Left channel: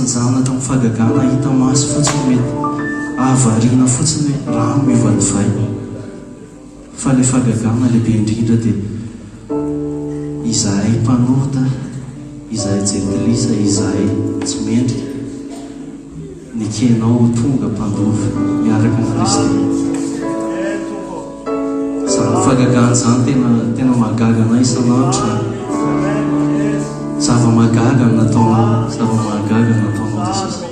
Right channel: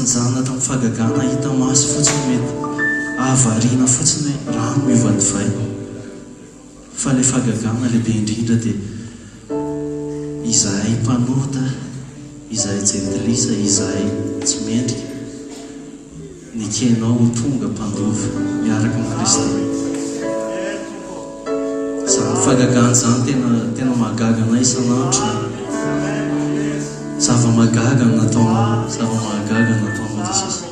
sy ny zana tamin'ny fagagana hita maso fotsiny mety ahavariana fotsiny rano ivadivay fa le fagagana lehibe indrindra dia izahay mpanota, izahay jerilisa, izahay tsy mendrika ny kenao tonga mpandova miaraka amin'ny Kristy. Izany fagagana izany tena mahagaga anay isan'andro. Zava-mahagaga nataonao Jesosy.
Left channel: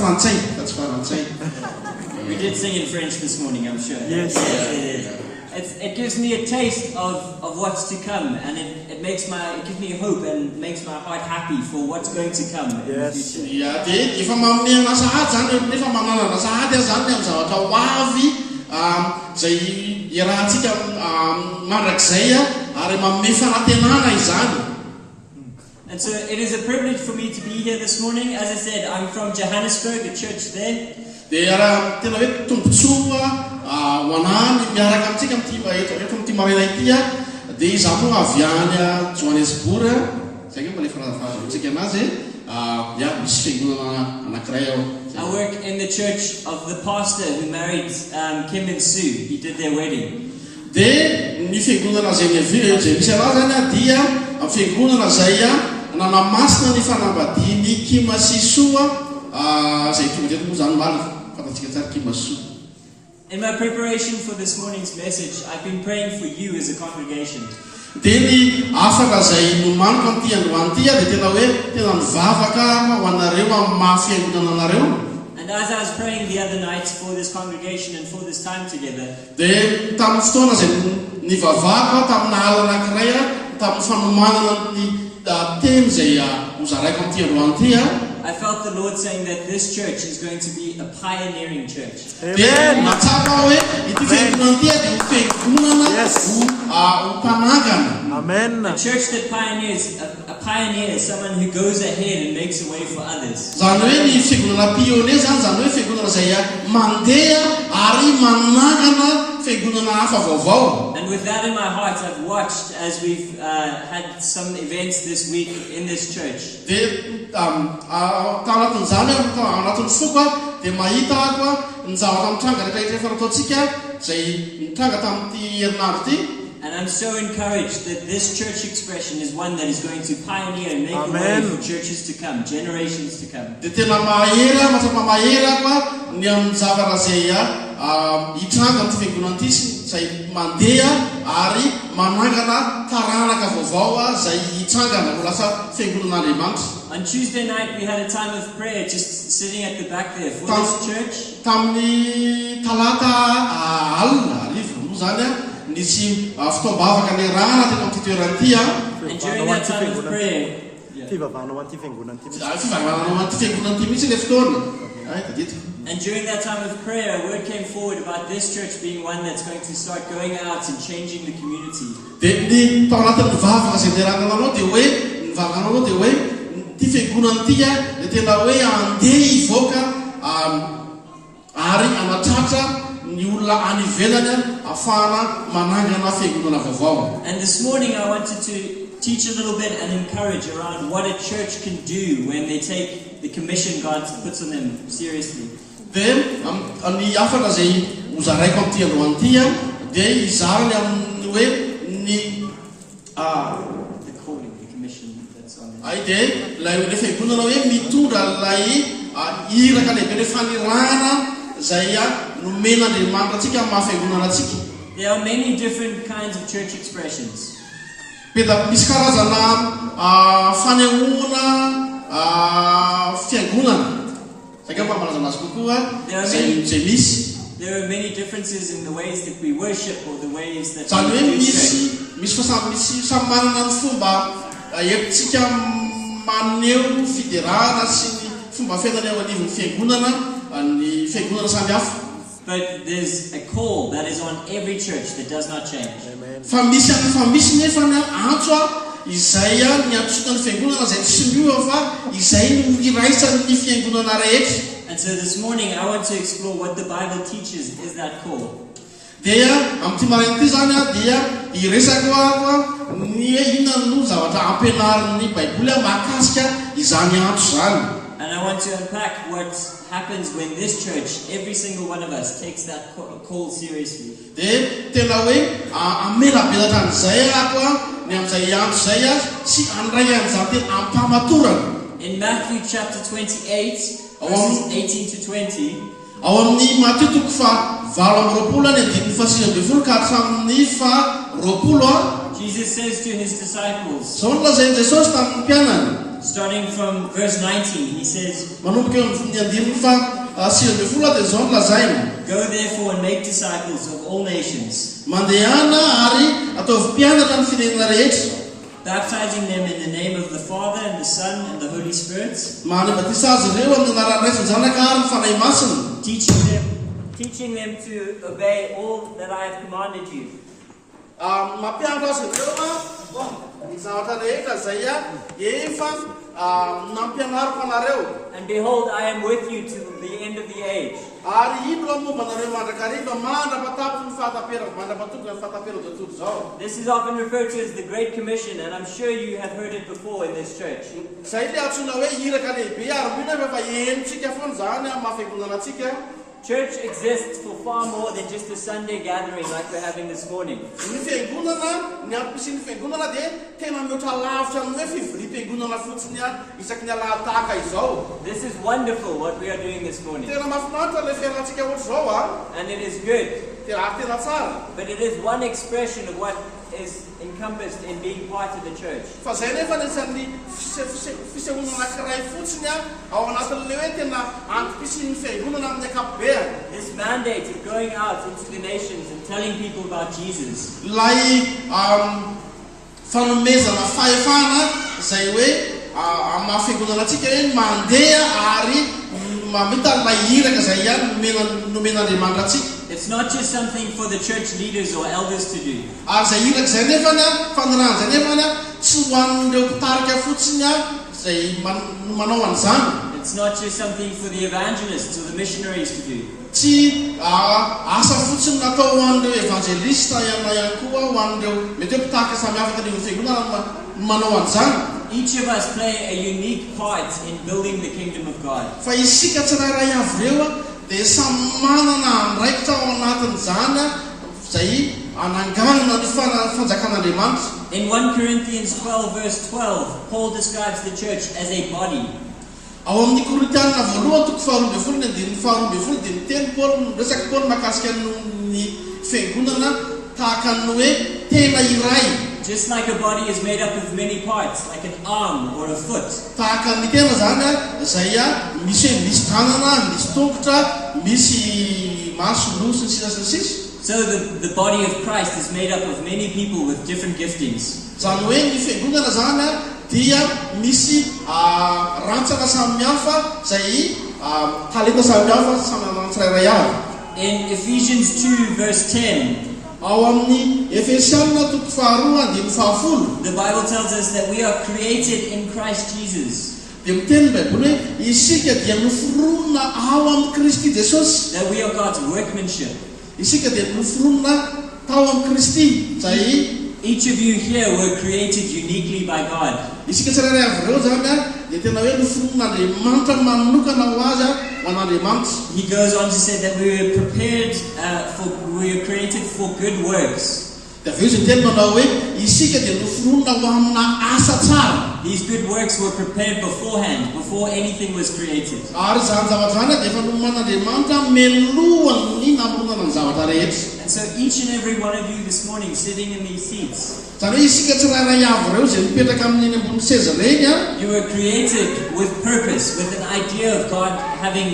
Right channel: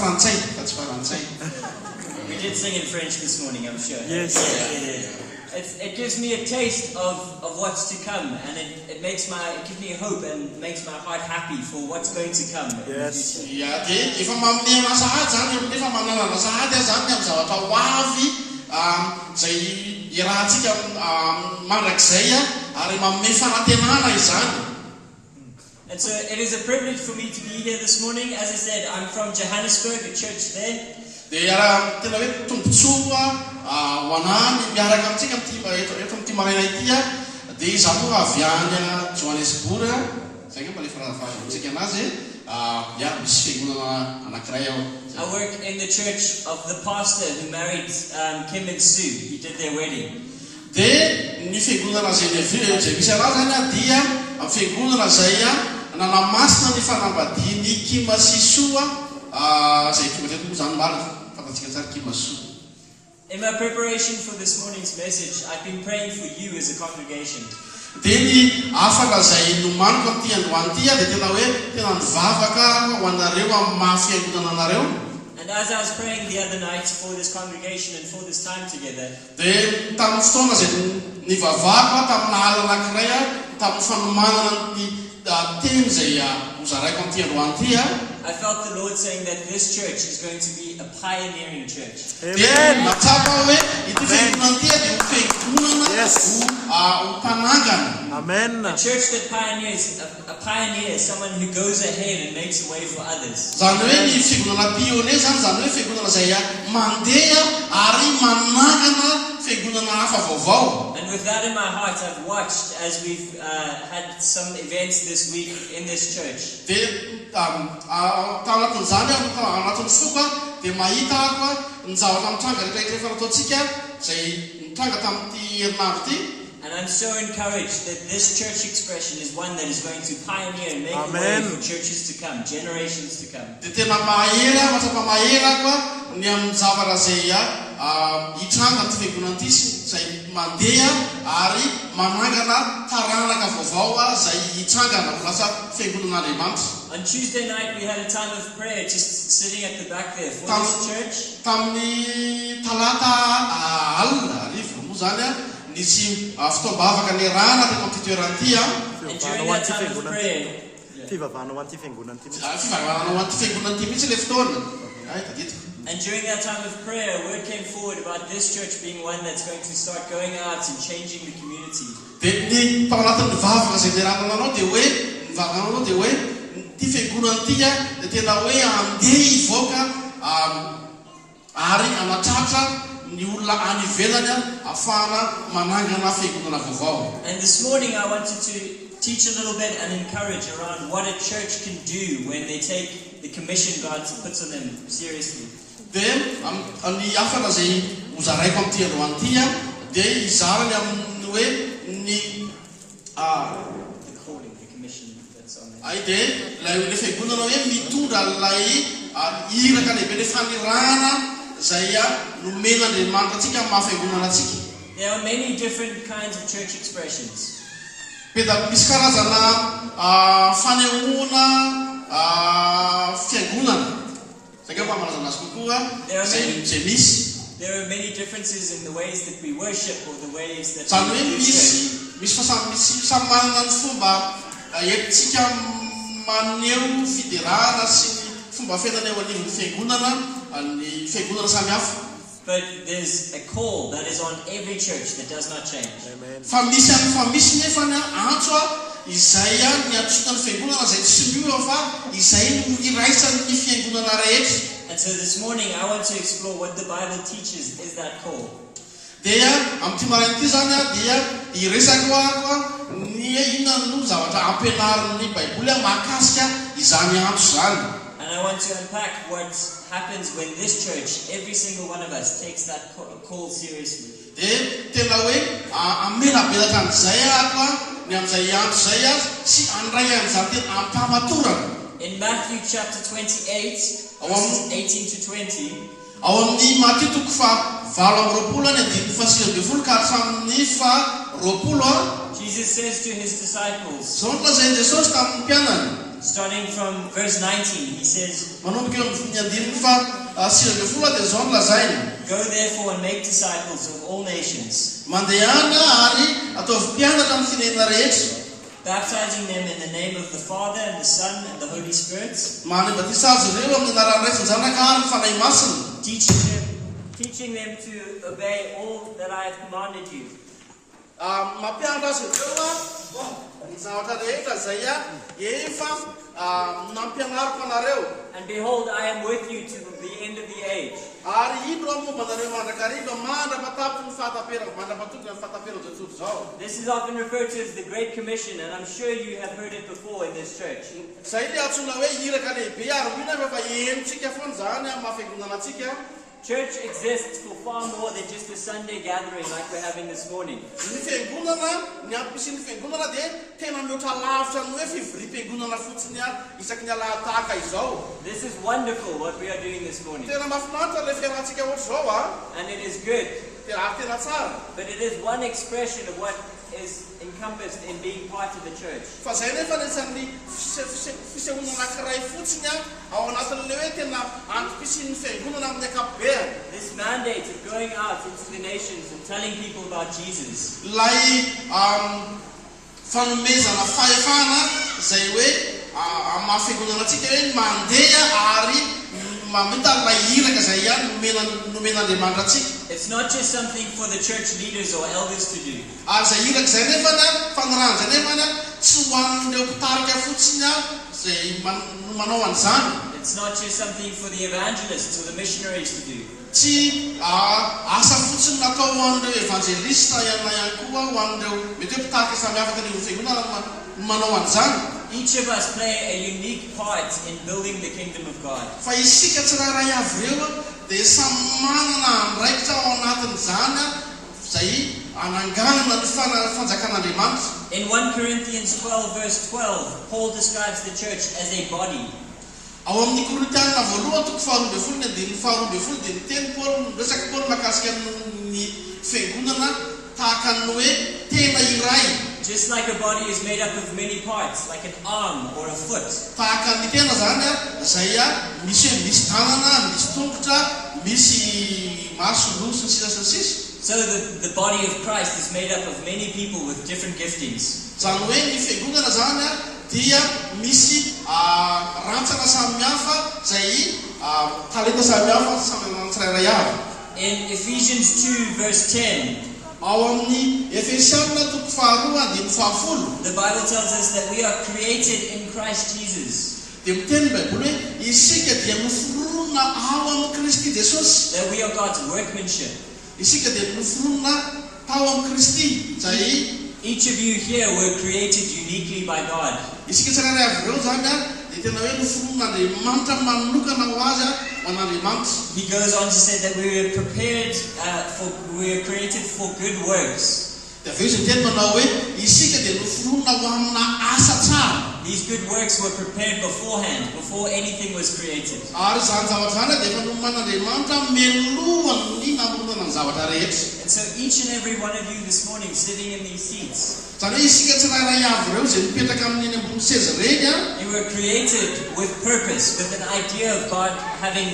frantsay That's Faransay. We did sing in French this morning, I'm sure. Yes. It gives me a taste of what's to come, and it gives me hope and makes my heart happy for what's going to come in the future. Yeah, dia efa mamena sahady zany nefa manana sahady zany amin'ny zavatra ho avy zay irahantsika mandrakizay ary manome fanantenana izany. And so it is a privilege for me to be here this morning. As I said, I'm from Johannesburg, a church there. Dia raha tena hoe tombontsoa ho anany miaraka amintsika eto amin'ity marina ity dia izaho moa avy any Johannesburg zay ke mba lefa navavantsika anazy misy fiangonana anankiray ao. I work in the church of the pastor who married Kim and Sue. He did their wedding. Dia ny fiangonana zay misy anazy zany dia amin'ny fiangonana zay nanamasina ny fanambadiany Kim sy Sue zay tonga teto moa zany malina fantatsika tsara Kim sy Sue. In my preparation for this morning's message, I've been praying for you as a congregation. Dia ny afaka zay nomaniko amin'ity androany ity dia tena hoe tena nivavaka ho anareo amin'ny mahafiangonana anareo. And as I was praying the other night for this congregation and for this time together, dia tamin'ny fotoana zay nivavaka tamin'ny ala anankiray tamin'ny fanomanana ny teny zay hozaraiko amin'ity androany ity I felt the Lord saying that this church is going to be a pioneering church. Dia matsapa hoe ity fiangonana ity dia ho fiangonana ho mpanangana. Amen. A church that pioneers, a pioneer is someone who goes ahead and makes a way for others. Zany hoe ny fiangonana pionnier zany hoe fiangonana zay mandeha ary manangana fiangonana hafa vaovao. And with that in my heart, I've watched as we've had some events this week in this church. Dia tanatin'izany anatin'ny foko dia mahita ako ny zavatra mitranga rehetrarehetra efa nataontsika zay mitranga tamin'ity herinandro ity. And I'm so encouraged that this church expression is one that is going to pioneer and make a way for churches to come, generations to come. Dia tena mahera, matsapa mahera koa ny amin'ny zavatra zay hitranga amin'ity fiangonana ity zay mandeha ary manangana taranaka vaovao zay hitrangana ho lasa fiangonan'Andriamanitra. On Tuesday night, we had a time of prayer just sitting at the back there for this church. Tamin'ny talata alina arivo moa zany nisy fitaobavaka ny rana tena amin'ny toerana ity And during that time of prayer, Fivavahana an'ity fiangonana ity. fivavanana an'ity fiangonana ity mihitsy le fotoana. and during that time of prayer, a word came forward about this church being one that's going to start going out and changing the community. Dia ny tao anatin'ny vavaka zay niranana anao dia hoe nivavaka anao dia hoe ity fiangonana ity dia tena hoe andeha hivoaka ary anatratra ny olona any ivelany ahafahana manangana fiangonana vaovao. And this morning, I wanted to teach a little bit and encourage around what a church can do when they take the commission God puts on them seriously. Dia ny afaka zay hozaraiko amin'ity androany ity dia izarany amin'ny hoe ny The calling, the commission that's on them. dia le fiangonana hoe mitondra ilay iraka lehibe le fanirana zay nomen'Andriamanitra atsika amin'ny mahafiangonana atsika. There are many different kinds of church expressions. Misy karazana fanehoana fiangonana zay ka mpamalaza azy kokoa zay misy. There are many differences in the ways that we worship or the ways that Zany hoe we do misy samy manana ny fomba entintsika maneho fiderana sy ny fomba fiainana eo anivon'ny fiangonana ny fiangonana samy hafa. But there's a call that is on every church that does not change. Fa misy nefa ny antso izay ny antsoina ny fiangonana zay tsy miova fa izay no iraisan'ny fiangonana rehetra. And so this morning I want to explore what the Bible teaches is that call. Dia amin'ity marina ity zany dia iresako ako ny inona no zavatra ampianarin'ny Baiboly mahakasika izany antso zany. And I want to unpack what happens when this church, every single one of us, takes that call seriously. Dia tena hoe amelabelatra an'izay ako ny amin'izay antso zay sy andray an'izany tena ampamatorana. In Matthew chapter 28, verses 18 to 20, ao amin'ny Matthieu toko fa 7:20 ny andininy fa 9 ka hatramin'ny fa 20 Jesus says to his disciples, zao no lazainy Jesosy tamin'ny mpianany. starting from verse 19, he says, Manomboka eo amin'ny andininy fa 20 dia zao nolazaina. Go therefore and make disciples of all nations, Mandehana ary ataovy mpianatra amin'ny firenena rehetra. baptizing them in the name of the Father and the Son and the Holy Spirit, Manebatisa azy ireo amin'ny anaran'ny Ray sy ny Zanaka ary ny fanahy masina. teaching them to obey all that I have commanded you. Mampianatra azy ireo ny zavatra rehetra izay efa nampianariko anareo. And behold, I am with you to the end of the age. Ary ino ao momba anareo mandrakariva mandrapatapitra ny fahataperako, mandrapatokana ny fahataperako tontolo zao. This is often referred to as the Great Commission, and I'm sure you have heard it before in this church. Zay le antsoina hoe iraka lehibe ary mino efa enitsika foana zany amin'ny mahafiangonana antsika. Church exists for far more than just a Sunday gathering like we're having this morning. Ny fiangonana, ny ampisin'ny fiangonana dia tena mihoatra lavitra amin'ny hoe fivoriam-piangonana fotsiny isaky ny alahataka izao. This is wonderful what we are doing this morning, Tena mahafinaritra le fiainantsika ohatry zao and it is good. tena tsara. But it is one expression of what is encompassed in being part of the church. Fa zay nefa anisan'ny fisehoana anankiray fotsiny ao anatin'le hoe tena antom-pisin'ny fiangonana amin'ny ankapobeny. This mandate of going out into the nations and telling people about Jesus Ilay fanomezana fahefana zay hoe amin'ny mahafiangonana antsika hoe mandeha ary mamita iraka zay nomen'Andriamanitra antsika. It's not just something for the church leaders or elders to do. Ary zay iraka zay nefana fanarahana zay nefana tsy ho an'ireo mpitarika fotsiny zay manao an'izany. It's not just something for the evangelists or the missionaries to do. Tsy asa fotsiny natao ho an'ireo evangelista ihany koa ho an'ireo mety hoe mpitarika samihafa tany amin'ny fiangonana manao an'izany. Each of us play a unique part in building the kingdom of God. Fa isika tsirairay avy eo dia samy manana andraikitra ao anatin'izany zay ananganana ny fanjakan'Andriamanitra. In 1 Corinthians 12 verse 12, Paul describes the church as a body. Ao amin'ny Korintiana voalohany toko 12 dia niteny Paul resaky Paul mahakasika ny fiangonana tahaka ny hoe tena iray. Just like a body is made up of many parts, like an arm or a foot. Tahaka ny tena zany zay misy tanana, misy tongotra, misy maso, nosy, ny sisa sy ny sisa. So the body of Christ is made up of many people with different giftings. Zany hoe ny fiangonana zany dia misy rantsana samihafa zay talenta samihafa samy manana tsirairay avy. In Ephesians 2 verse 10, ao amin'ny Efesiana toko 2:10, the Bible tells us that we are created in Christ Jesus, dia miteny Baiboly hoe isika dia noforonina ao amin'ny Kristy Jesosy. that we are God's workmanship. Isika dia noforonina tao amin'ny Kristy zay Each of you here were created uniquely by God. isika tsirairay avy ireo zany dia tena hoe noforon'Andriamanitra manokana ho azy ho an'Andriamanitra. He goes on to say that we were prepared we were created for good works. Dia avy eo izy miteny manao hoe isika dia noforonina ho amina asa tsara. These good works were prepared beforehand, before anything was created. Ary zany zavatra zany dia efa noman'Andriamanitra melohany namoronana ny zavatra rehetra. And so each and every one of you this morning sitting in these seats, Zany hoe isika tsirairay avy ireo zay mipetraka amin'ny ambony seza reny you were created with purpose, with an idea of God having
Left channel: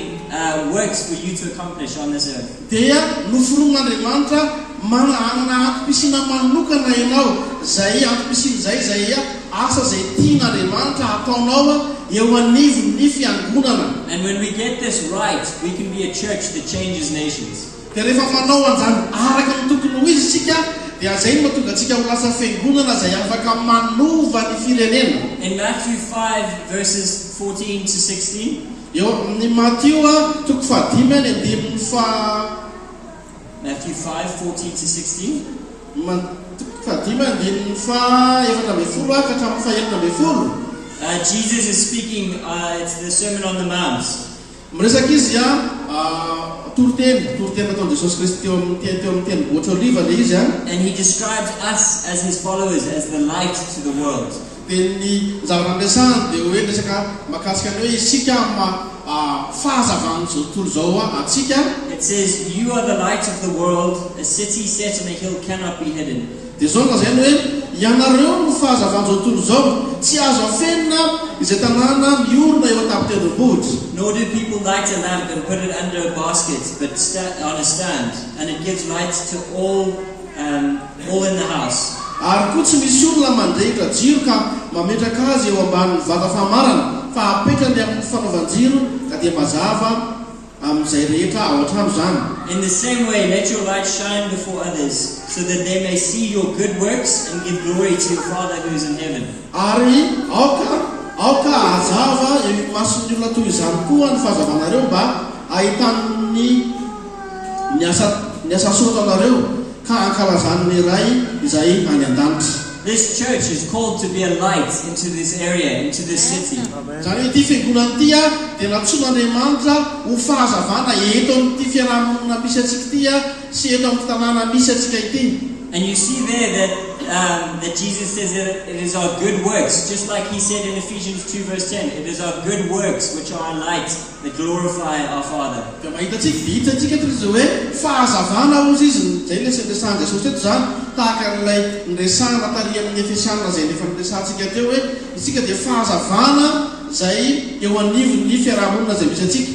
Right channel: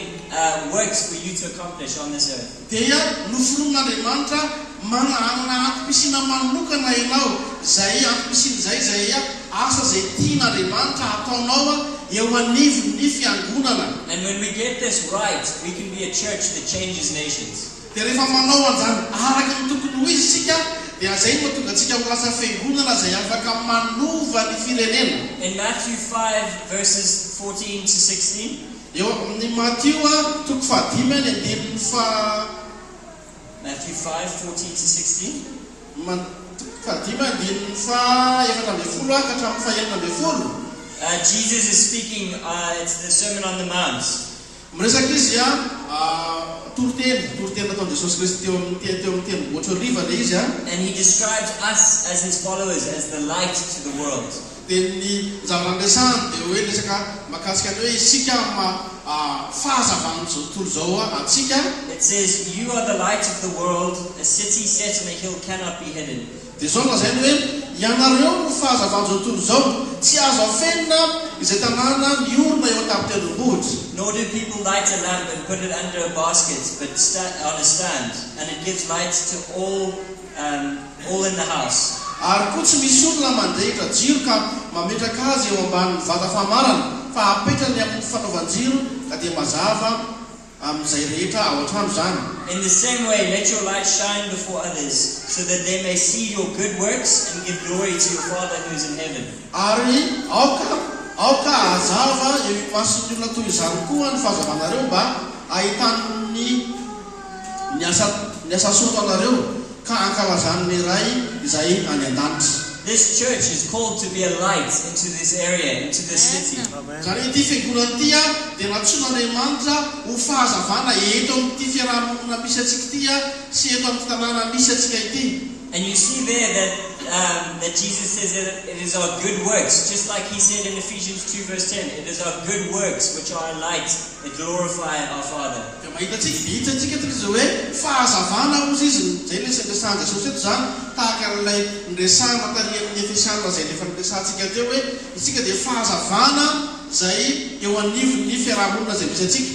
works for you to accomplish on this earth. dia noforon'Andriamanitra manana ampisina manokana ianao zay ampisina zay asa zay tian'Andriamanitra ataonao eo anivon'ny fiangonana. And when we get this right, we can be a church that changes nations. Dia rehefa manao an'izany araka ny tokony ho izy isika dia zay mahatonga antsika ho lasa fiangonana zay afaka manova ny firenena. In Matthew 5 verses 14 to 16, Eo amin'ny Matteo toko 5:10 Matthew 5:14 to 16. Jesus is speaking, it's the Sermon on the Mount. Miresaka izy toroteny nataon Jesosy Kristy teo amin'ny tenivohitra oliva le izy And he describes us as his followers as the light to the world. dia ny zavatra andresany dia hoe resaka mahakasika ny hoe isika fahazavany zao tontolo zao atsika. It says, "You are the light of the world. A city set on a hill cannot be hidden. dia zao lazainy hoe ianareo no fahazavan'izao tontolo zao tsy azo afenina izay tanàna miorona eo an-tampon-tendrombohitra. Nor do people light a lamp and put it under a basket, but on a stand, and it gives light to all in the house. Ary koa tsy misy olona mandrehitra jiro ka mametraka azy eo ambanin'ny vata famarana, fa apetrany amin'ny fanaovan-jiro ka dia mazava amin'izay rehetra ao an-trano zany. In the same way, let your light shine before others, so that they may see your good works and give glory to your Father who is in heaven. Ary aoka azava eo mason'ny olona toy izany koa ny fahazavanareo mba ahitany ny asa soa anareo ka ankalazan'ny ray izay any an-danitra. This church is called to be a light into this area, into this city. Zany ity fiangonana ity dia natsoan'Andriamanitra ho fahazavana eto amin'ity fiarahamonina misy atsika ity sy eto amin'ny tanàna misy atsika ity. And you see there that Jesus says that it is our good works, just like he said in Ephesians 2 verse 10, it is our good works which are our light that glorify our Father. Dia mahitatsika izy hoe fahazavana ozy izy zay lesana Jesosy eto zany tahaka ilay nresana tary amin'ny Efesiana zay efa niresantsika teo hoe isika dia fahazavana zay eo anivon'ny fiarahamonina zay misy atsika.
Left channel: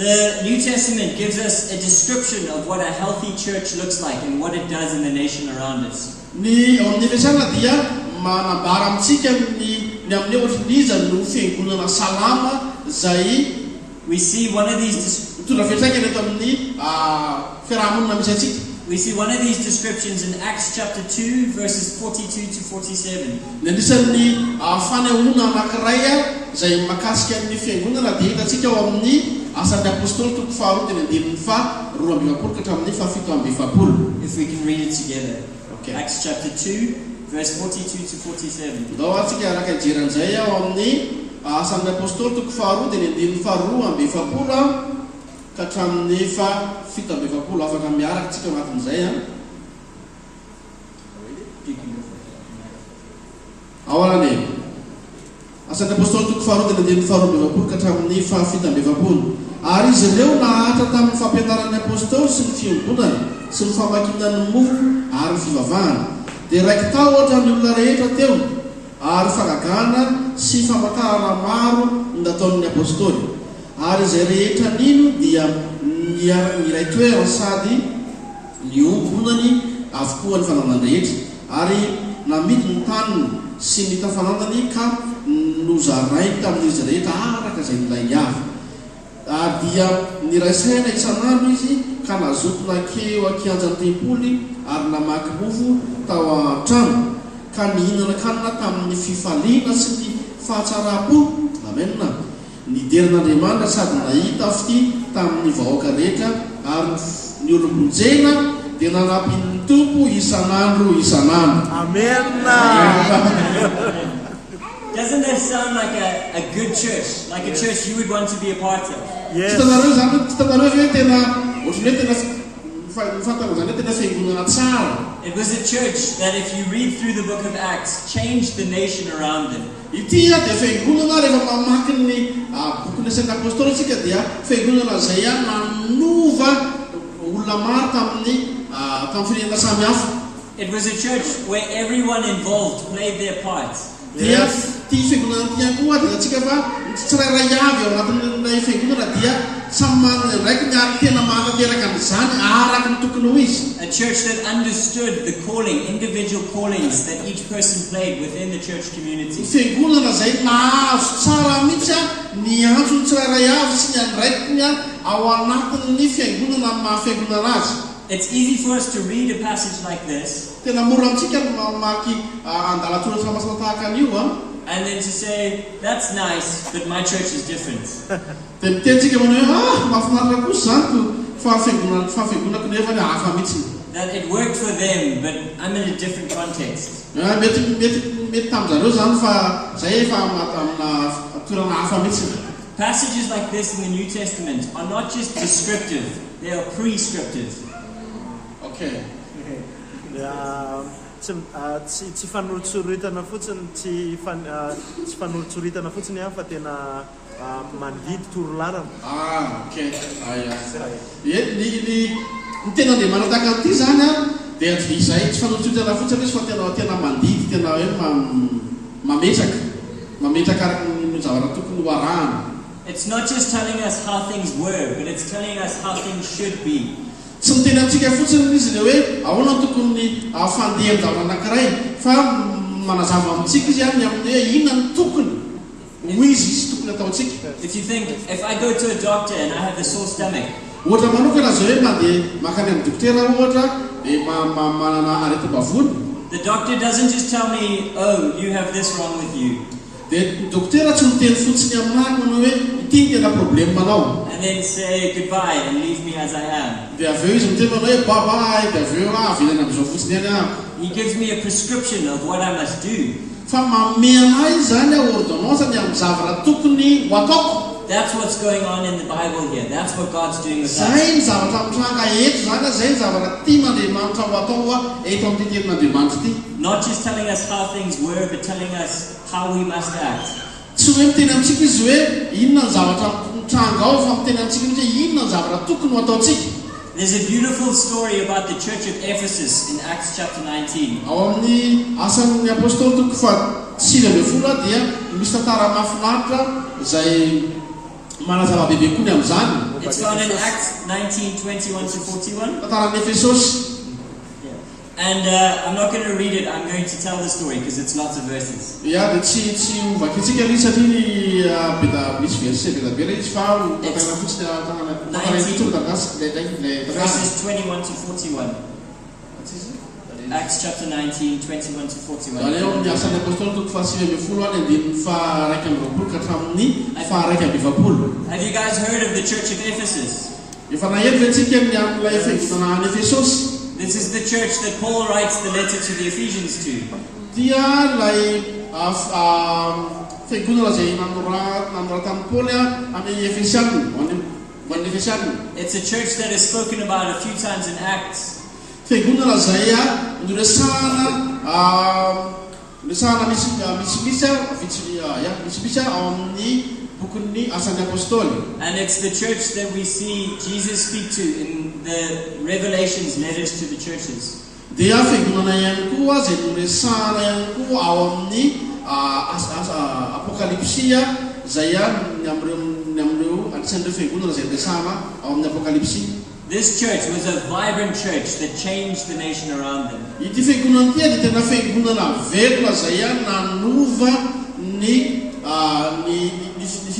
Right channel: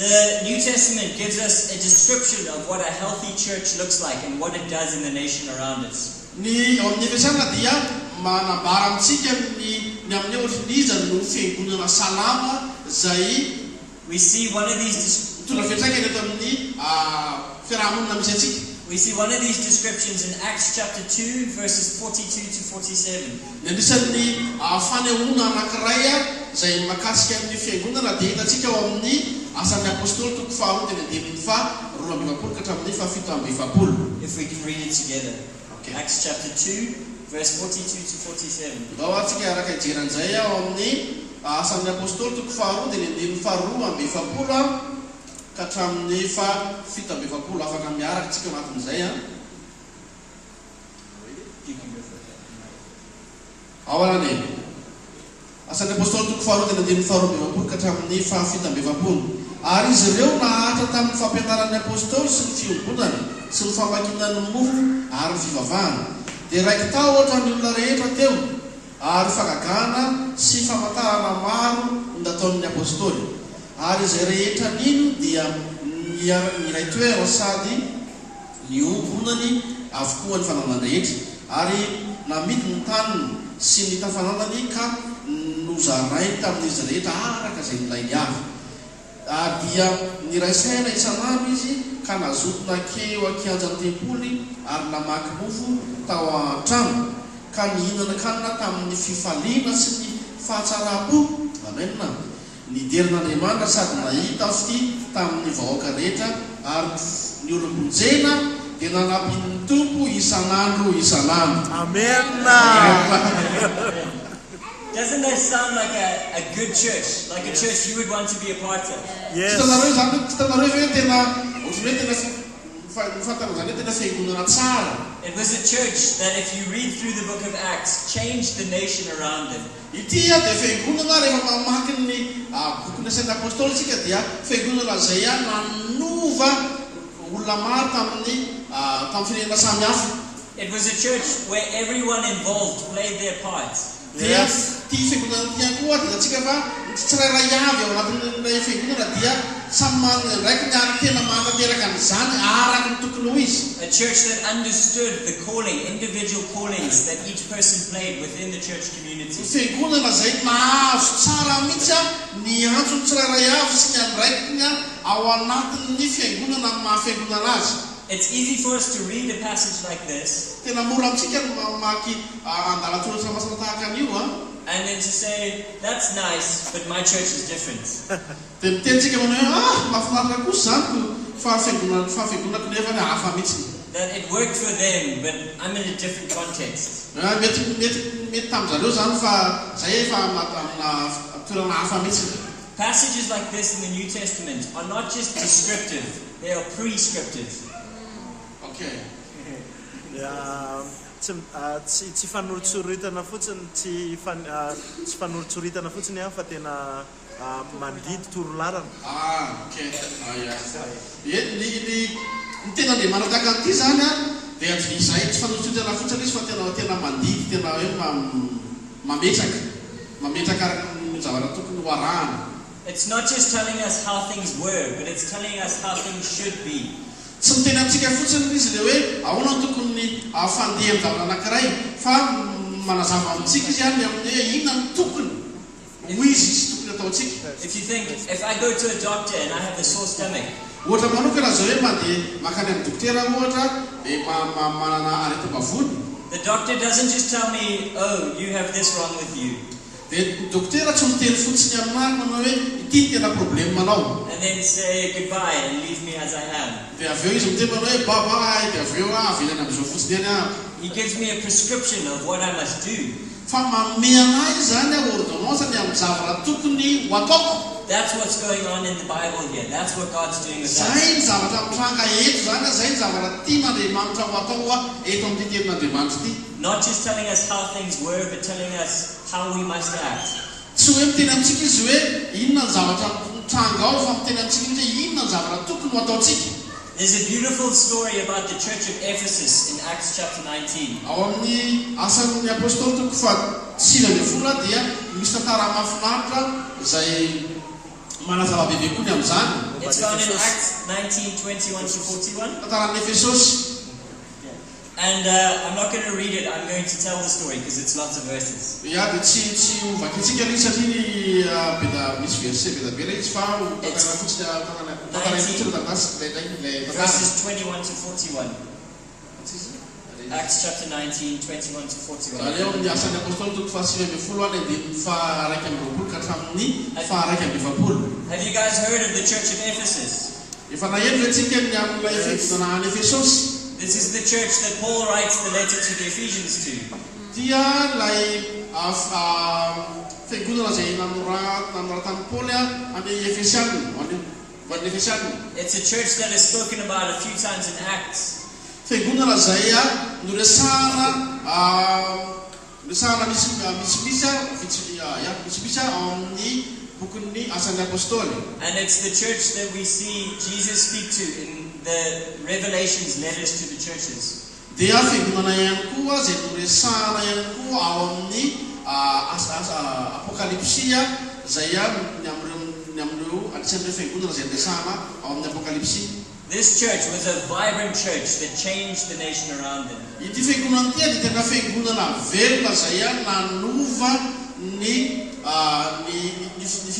The New Testament gives us a description of what a healthy church looks like and what it does in the nation around us. Ny amin'ny Efesiana dia manambara amintsika ny amin'ny ohatrin'iza no fiangonana salama zay we see one of these mitondra fiantraikany eto amin'ny fiarahamonina misy atsika. We see one of these descriptions in Acts chapter 2 verses 42 to 47. Ny anisan'ny fanehoana anankiray zay makasika amin'ny fiangonana dia hitantsika ao amin'ny asan'ny apôstôly toko faharoa teny andinin'ny faharoa amby efapolo ka hatramin'ny fahafito amby efapolo. If we can read it together. Okay. Acts chapter 2 verse 42 to 47. Ndao atsika araka ijeran'izay ao amin'ny asan'ny apôstôly toko faharoa teny andinin'ny faharoa amby efapolo ka hatramin'ny fahafito amby efapolo. Afaka miaraka tsika anatin'izay You can go for it. ao anane asan'ny apôstôly toko faharoa teny andinin'ny faharoa amby efapolo ka hatramin'ny fahafito amby efapolo. Ary izy ireo nahatra tamin'ny fampianaran'ny apôstôly sy ny fiangonana sy ny famakinan'ny mofo ary ny fivavahana dia raiky tao ohatra ny olona rehetra teo ary fagagana sy famantarana maro nataon'ny apôstôly. Ary izay rehetra nino dia niray toerana sady niombonany avokoa ny fananany rehetra ary namidy ny taniny sy ny tafananany ka nozarainy tamin'izy rehetra araka izay nilainy avy. Dia niraisaina itsanandro izy ka nazotona keo ankianjan'ny tempoly ary namaky mofo tao an-trano ka nihinana kanina tamin'ny fifaliana sy ny fahatsara-po. Amenna. Niderin'Andriamanitra sady nahita fity tamin'ny vahoaka rehetra ary ny olom-bonjena dia nanapin'ny tompo isanandro isanandro. Amen. Doesn't that sound like a good church? Like a church you would want to be a part of? Yes. Hitanareo hoe tena ohatran'ny hoe mifantarana zany hoe tena fiangonana tsara. It was a church that if you read through the book of Acts, changed the nation around them. Ity dia fiangonana rehefa mamaky ny bokin'ny sain'ny apôstôly tsika dia fiangonana zay nanova olona maro tamin'ny firenena samy hafa. It was a church where everyone involved played their part. Dia ty fiangonana ity koa dia atsika fa tsirairay avy ao anatin'ilay fiangonana dia samy raiky miary tena mahatanteraka an'izany araky ny tokony ho izy. A church that understood the calling, individual callings that each person played within the church community. Fiangonana zay nahazo tsara mihitsy ny antony tsirairay avy sy ny andraikiny ao anatin'ny fiangonana mahafiangonana azy. It's easy for us to read a passage like this Tena mora amintsika ny mamaky andalatsoratra famasana tahaka an'io and then to say, that's nice, but my church is different. dia mitentsika manao hoe mahafinaritra kosa zany fahafiangonako nefa ny hafa mihitsy. That it worked for them, but I'm in a different context. Mety tamin'izareo zany fa zay efa amina toerana hafa mihitsy. Passages like this in the New Testament are not just descriptive, they are prescriptive. Okay. Tsy fanolotsoritana fotsiny tsy fanolotsoritana fotsiny fa tena mandidy torolarana. Okay. Ny tena Andriamanitra tahaka an'ity zany dia izay tsy fanontotana fotsiny izy fa tena mandidy tena hoe mametraka araka ny zavatra tokony ho arahana. It's not just telling us how things were, but it's telling us how things should be. Tsy miteny amintsika fotsiny izy le hoe ahoana tokony afandeha ny zavatra anankiray fa manazava amintsika izy any amin'ny hoe inona ny tokony ho izy sy tokony ataontsika. If you think, if I go to a doctor and I have a sore stomach, ohatra manokana zao hoe mandeha makany amin'ny dokotera ohatra manana aretim-bavony. the doctor doesn't just tell me, oh, you have this wrong with you, Dia dokotera tsy miteny fotsiny aminahy manao hoe ity tena problème manao. and then say goodbye and leave me as I am. Dia avy eo izy miteny manao hoe bye-bye, dia avy eo avy any amin'izao fotsiny any ah. He gives me a prescription of what I must do. Fa manome anahy zany ordonnance ny amin'ny zavatra tokony ho ataoko. That's what's going on in the Bible here. That's what God's doing with us. Zay ny zavatra mitranga eto zany a, zay ny zavatra tian'Andriamanitra ho atao eto amin'ny tenin'Andriamanitra ity. Not just telling us how things were, but telling us how we must act. Tsy hoe miteny amintsika izy hoe inona ny zavatra mitranga ao, fa miteny amintsika izy hoe inona ny zavatra tokony ho ataontsika. There's a beautiful story about the church of Ephesus in Acts chapter 19. Ao amin'ny asan'ny apôstôly toko fa 9 dia misy tantara mahafinaritra zay manazava bebe koa ny amin'izany. It's found in Acts 19:21 to 41. Tantaran'ny Efesosy. And I'm not going to read it, I'm going to tell the story because it's lots of verses. Ya dia tsy ovakitsika ilay satria ny beda misy verset beda be ilay izy fa tantarana fotsiny tantarana fotsiny tantasy Verses 21 to 41. Acts chapter 19, 21 to 41. Zany eo amin'ny asan'ny apôstôly toko fa 9 any andiny fa 2 ka hatramin'ny fa 2 Have you guys heard of the church of Ephesus? efa naheno antsika amin'ilay fiangonana any Efesosy. This is the church that Paul writes the letter to the Ephesians to. Dia lay fiangonana zay namoratan'i Paoly amin'ny Efesiana, ho an'ny Efesiana. It's a church that is spoken about a few times in Acts. Fiangonana zay noresahana misy ao amin'ny bokin'ny asan'ny apôstôly. And it's the church that we see Jesus speak to in the Revelations letters to the churches. Dia fiangonana ihany koa zay noresahana ihany koa ao amin'ny apokalipsia zay ny amin'ireo anisan'ireo fiangonana zay noresahana ao amin'ny apokalipsia. This church was a vibrant church that changed the nation around them. Ity fiangonana ity dia tena fiangonana velona zay nanova ny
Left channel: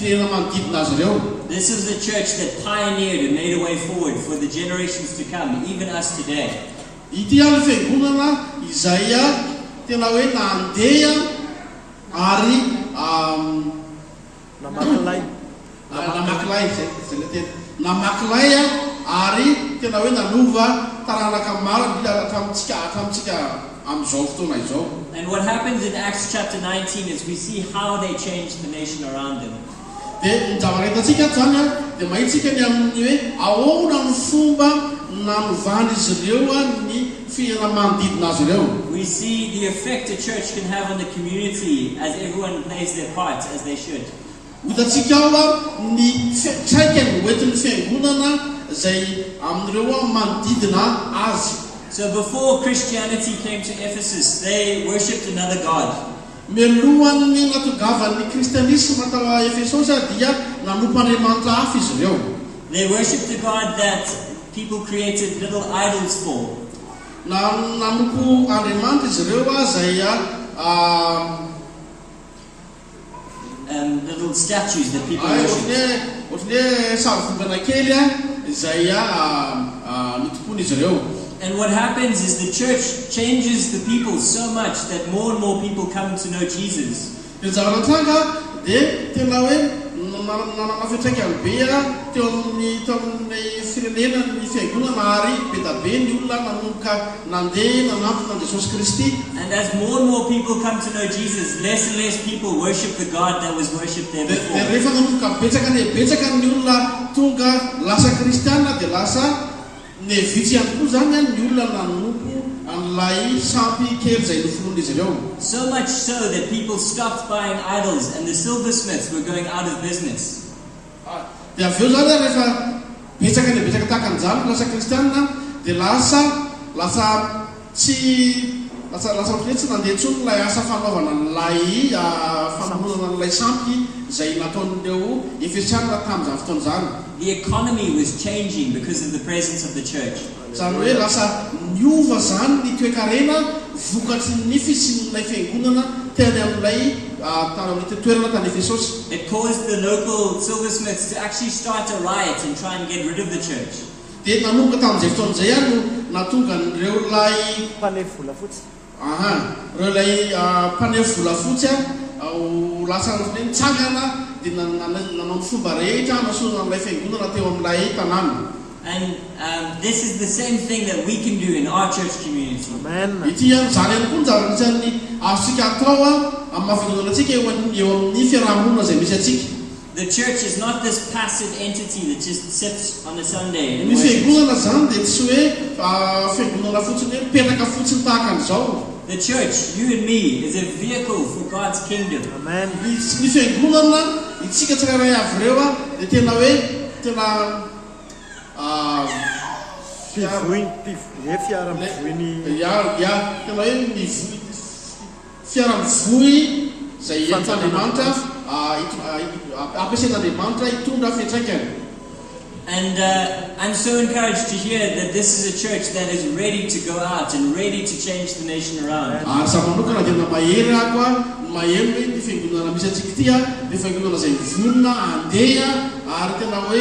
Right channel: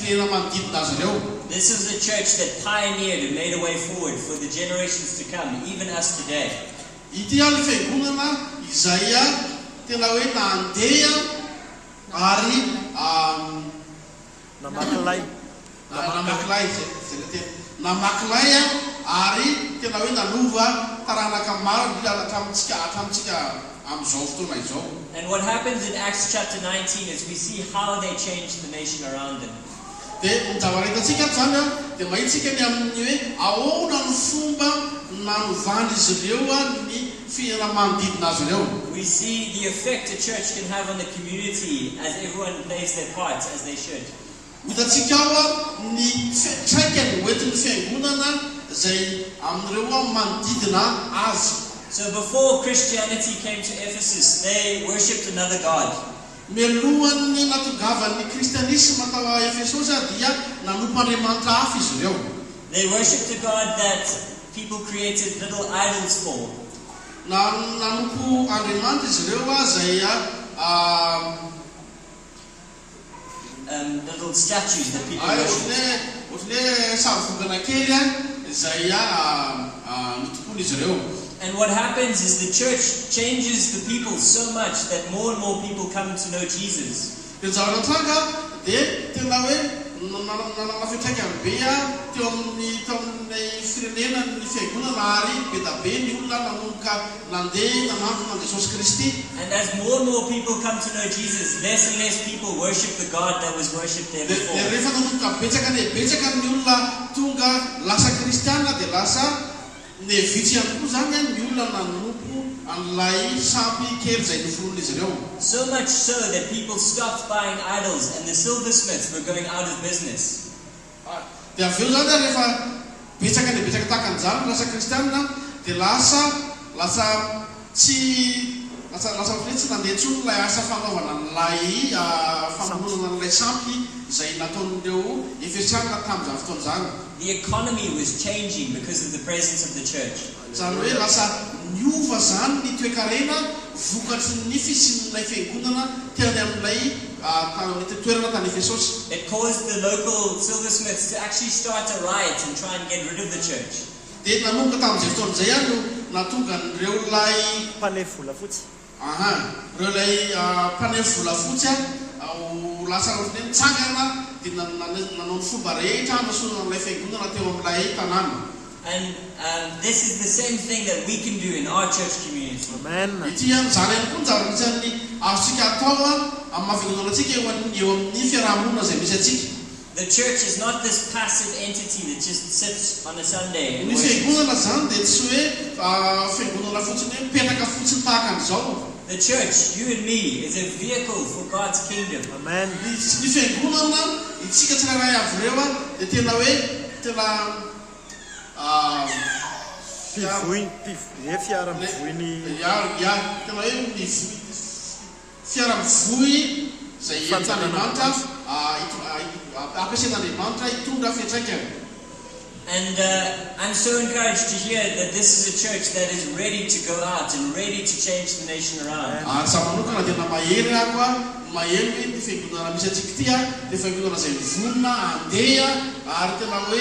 firenena manodidina azy ireo. This is a church that pioneered and made a way forward for the generations to come, even us today. Ity ny fiangonana izay tena hoe nandeha ary namakilay ary tena hoe nanova taranaka maro hatramintsika amin'izao fotoana izao. And what happens in Acts chapter 19 is we see how they changed the nation around them. Dia ny zavatra hitantsika zany dia mahitsika ny amin'ny hoe ahoana ny fomba nanovany izy ireo ny fiainana manodidina azy ireo. We see the effect a church can have on the community as everyone plays their part as they should. Hitantsika ao ny fiatraikany hoentin'ny fiangonana zay amin'ireo manodidina azy. So before Christianity came to Ephesus, they worshipped another god. Mialohan'ny natongavany kristianisma tao Efesosy dia nanompo andriamanitra hafa izy ireo. They worshipped a god that people created little idols for. Nanompo andriamanitra izy ireo zay little statues that people worship. Ohatran'ny savongana kely zay nitopony izy ireo. And what happens is the church changes the people so much that more and more people come to know Jesus. Dia zavatra tranga dia tena hoe nanana fiantraikany be teo amin'ny firenena ny fiangonana ary be da be ny olona nanomboka nandeha nanantona Jesosy Kristy. And as more and more people come to know Jesus, less and less people worship the God that was worshipped there before. Dia rehefa nanomboka betsaka ny olona tonga lasa kristiana dia lasa nevitsy ihany koa zany ny olona nanompo an'ilay sampy kely zay nofonona izy ireo. So much so that people stopped buying idols and the silversmiths were going out of business. Dia avy eo zany rehefa betsaka tahaka an'izany lasa kristiana dia lasa tsy lasaotra tsy nandeha ntsony lay asa fanaovana nlay famonana n'lay sampy izay nataon'ireo eferitrarina tamin'izany fotoana zany. The economy was changing because of the presence of the church. Zany hoe lasa niova zany ny toe-karena vokatry ny fisin'ilay fiangonana teny amin'ilay toerana tany Efesosy. It caused the local silversmiths to actually start a riot and try and get rid of the church. Dia nanomboka tamin'izay fotoana izay no natonga ireo lay mpaneho volafotsy. Ireo lay mpaneho volafotsy lasa nitsangana dia nanao ny fomba rehetra hanasorana n'ilay fiangonana teo amin'ilay tanàna. And this is the same thing that we can do in our church community. Amen. Ity zany ihany koa ny zany azontsika atao amin'ny mahafiangonana antsika eo amin'ny fiarahamonina izay misy atsika. The church is not this passive entity that just sits on a Sunday. Ny fiangonana zany dia tsy hoe fiangonana fotsiny hoe mipetraka fotsiny tahaka an'izao. The church, you and me, is a vehicle for God's kingdom. Amen. Ny fiangonana itsika tsirairay avy ireo dia tena hoe tena fiara mivoiny tena hoe fiara mivoy izay entin'Andriamanitra ampiasain'Andriamanitra hitondra fiantraikany. And I'm so encouraged to hear that this is a church that is ready to go out and ready to change the nation around. Za manokana dia mahery ako mahery hoe ny fiangonana misy atsika ity dia fiangonana izay mivonona andeha ary tena hoe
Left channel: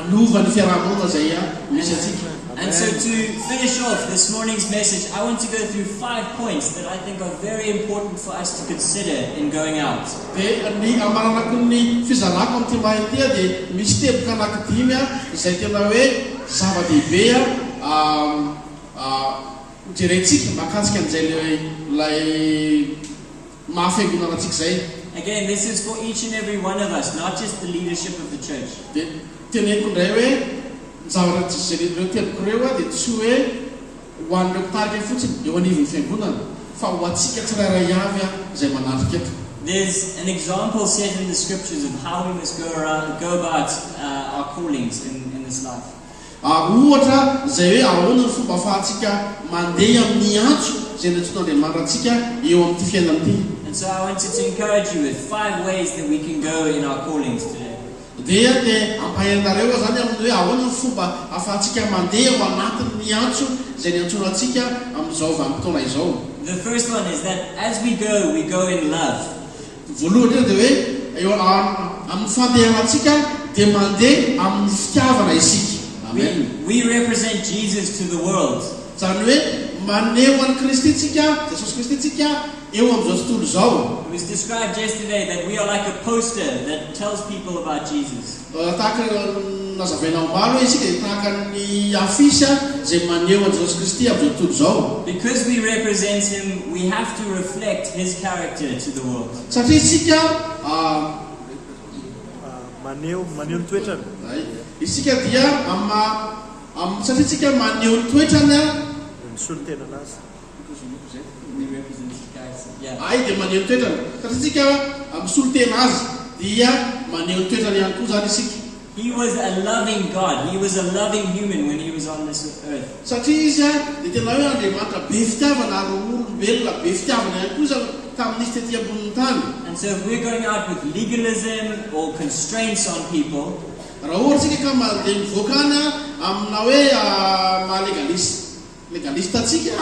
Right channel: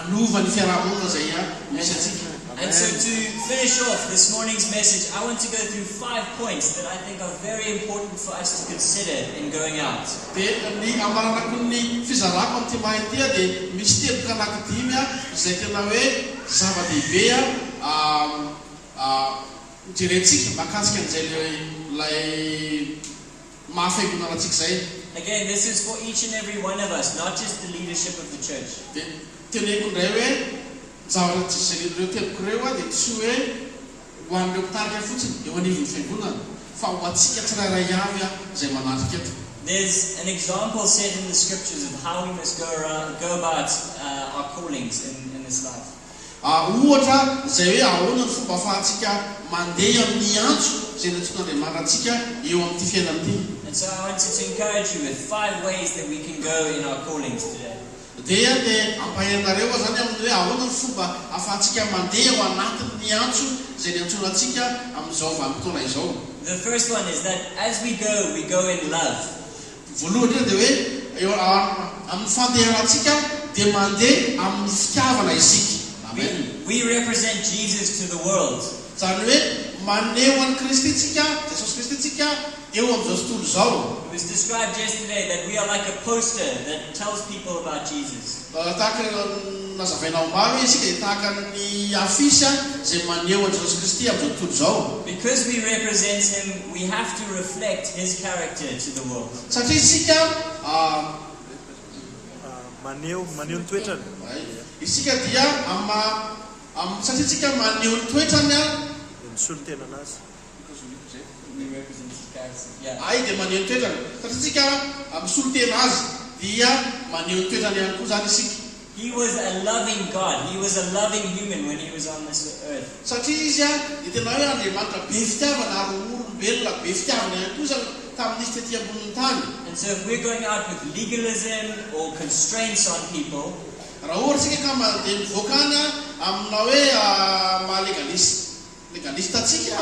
anova ny fiarahamonina izay misy atsika. And so to finish off this morning's message, I want to go through 5 points that I think are very important for us to consider in going out. Dia ny amaranako ny fizarako amin'ity mahiny ity dia misy teboka anankidimy izay tena hoe zava-dehibe jerentsika mahakasika an'izay lay mahafiangonana antsika izay. Again, this is for each and every one of us, not just the leadership of the church. Dia teneniko indray hoe zavatra tsy ireo teboko ireo dia tsy hoe ho an'ireo mpitarika fotsiny eo anivon'ny fiangonana fa ho antsika tsirairay avy izay manatrika eto. There's an example set in the scriptures of how we must go about our callings in this life. Ohatra izay hoe ahoana ny fomba ahafahantsika mandeha amin'ny antso izay natsoan'Andriamanitra antsika eo amin'ity fiainana ity. And so I wanted to encourage you with 5 ways that we can go in our callings today. Dia ampahenareo zany amin'ny hoe ahoana ny fomba ahafahantsika mandeha ao anatin'ny antso izay niantsoana antsika amin'izao vanim-potoana izao. The first one is that as we go in love. Voalohany dia hoe eo amin'ny fandehanantsika dia mandeha amin'ny fitiavana isika. We represent Jesus to the world. Zany hoe maneho an'i Kristy tsika, Jesosy Kristy tsika eo amin'izao tontolo izao. It was described yesterday that we are like a poster that tells people about Jesus. Tahaka nazavaina ombalo hoe isika dia tahaka ny afisy izay maneho an'i Jesosy Kristy amin'izao tontolo izao. Because we represent him, we have to reflect his character to the world. Satria isika maneho ny toetrany. Isika dia satria isika maneho ny toetrany misolo tena anazy. We represent Christ. Yeah. Dia maneho ny toetrany. Satria isika misolo tena azy dia maneho ny toetrany ihany koa zany isika. He was a loving God. He was a loving human when he was on this earth. Satria izy dia tena hoe Andriamanitra be fitiavana ary olombelona be fitiavana ihany koa zany tamin'izy tetỳ ambonin'ny tany. And so if we're going out with legalism or constraints on people, raha ohatra tsika ka mandeha mivoaka any amina hoe mahalegalista atsika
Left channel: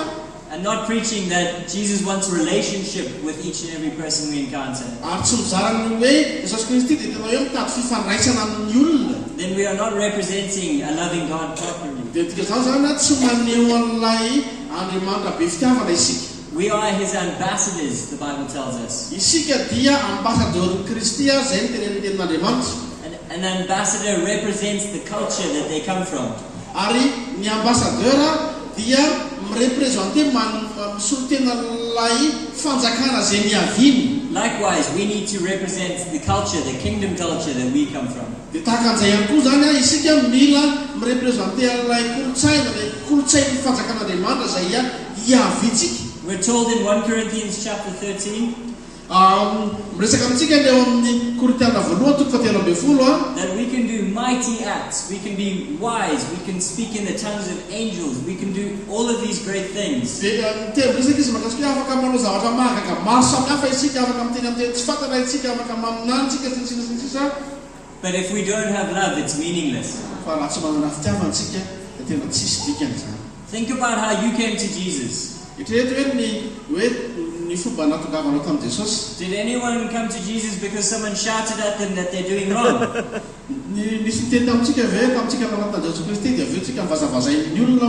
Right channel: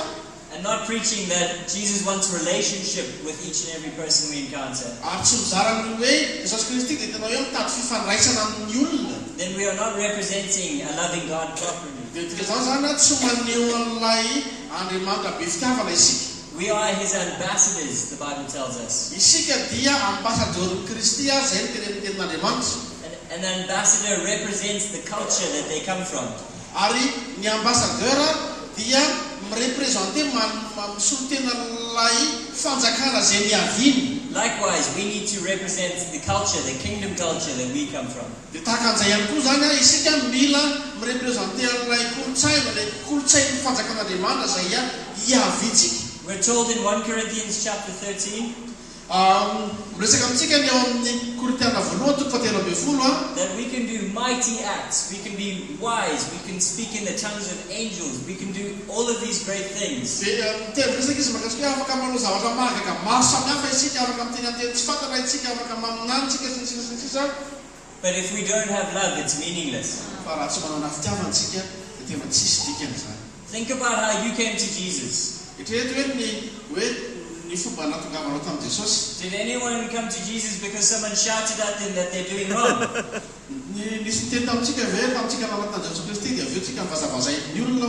and not preaching that Jesus wants a relationship with each and every person we encounter, ary tsy mizarany hoe Jesosy Kristy dia tena hoe mitady fifandraisana amin'ny olona, then we are not representing a loving God properly. dia tika zao zany tsy maneho an'ilay Andriamanitra be fitiavana isika. We are his ambassadors, the Bible tells us. Isika dia ambassadeur Kristy zay ny tenin'Andriamanitra. An ambassador represents the culture that they come from. Ary ny ambassadeur dia mirepresente misolo tena lay fanjakana zay niaviny. Likewise, we need to represent the culture, the kingdom culture that we come from. Dia tahaka an'izay ihany koa zany isika mila mirepresente an'ilay kolotsaina, ilay kolotsain'ny fanjakan'Andriamanitra zay iavitsika. We're told in 1 Corinthians chapter 13, Miresaka amintsika ny eo amin'ny Korintiana voalohany toko fahatelo ambin'ny folo that we can do mighty acts, we can be wise, we can speak in the tongues of angels, we can do all of these great things. dia miteny resaka izy makasika afaka manao zavatra mahagaga maro samihafa isika afaka miteny amin'ny tsy fantana isika afaka maminantsika sisa. But if we don't have love, it's meaningless. Fa raha tsy manana fitiavantsika dia tena tsisy dikany zany. Think about how you came to Jesus. Eritrereto hoe ny fomba natogavanao tamin'i Jesosy. Did anyone come to Jesus because someone shouted at them that they're doing wrong? Nisy teny tamintsika ve tamintsika nanatana Jesosy Kristy dia aveo tsika mivazavazay ny olona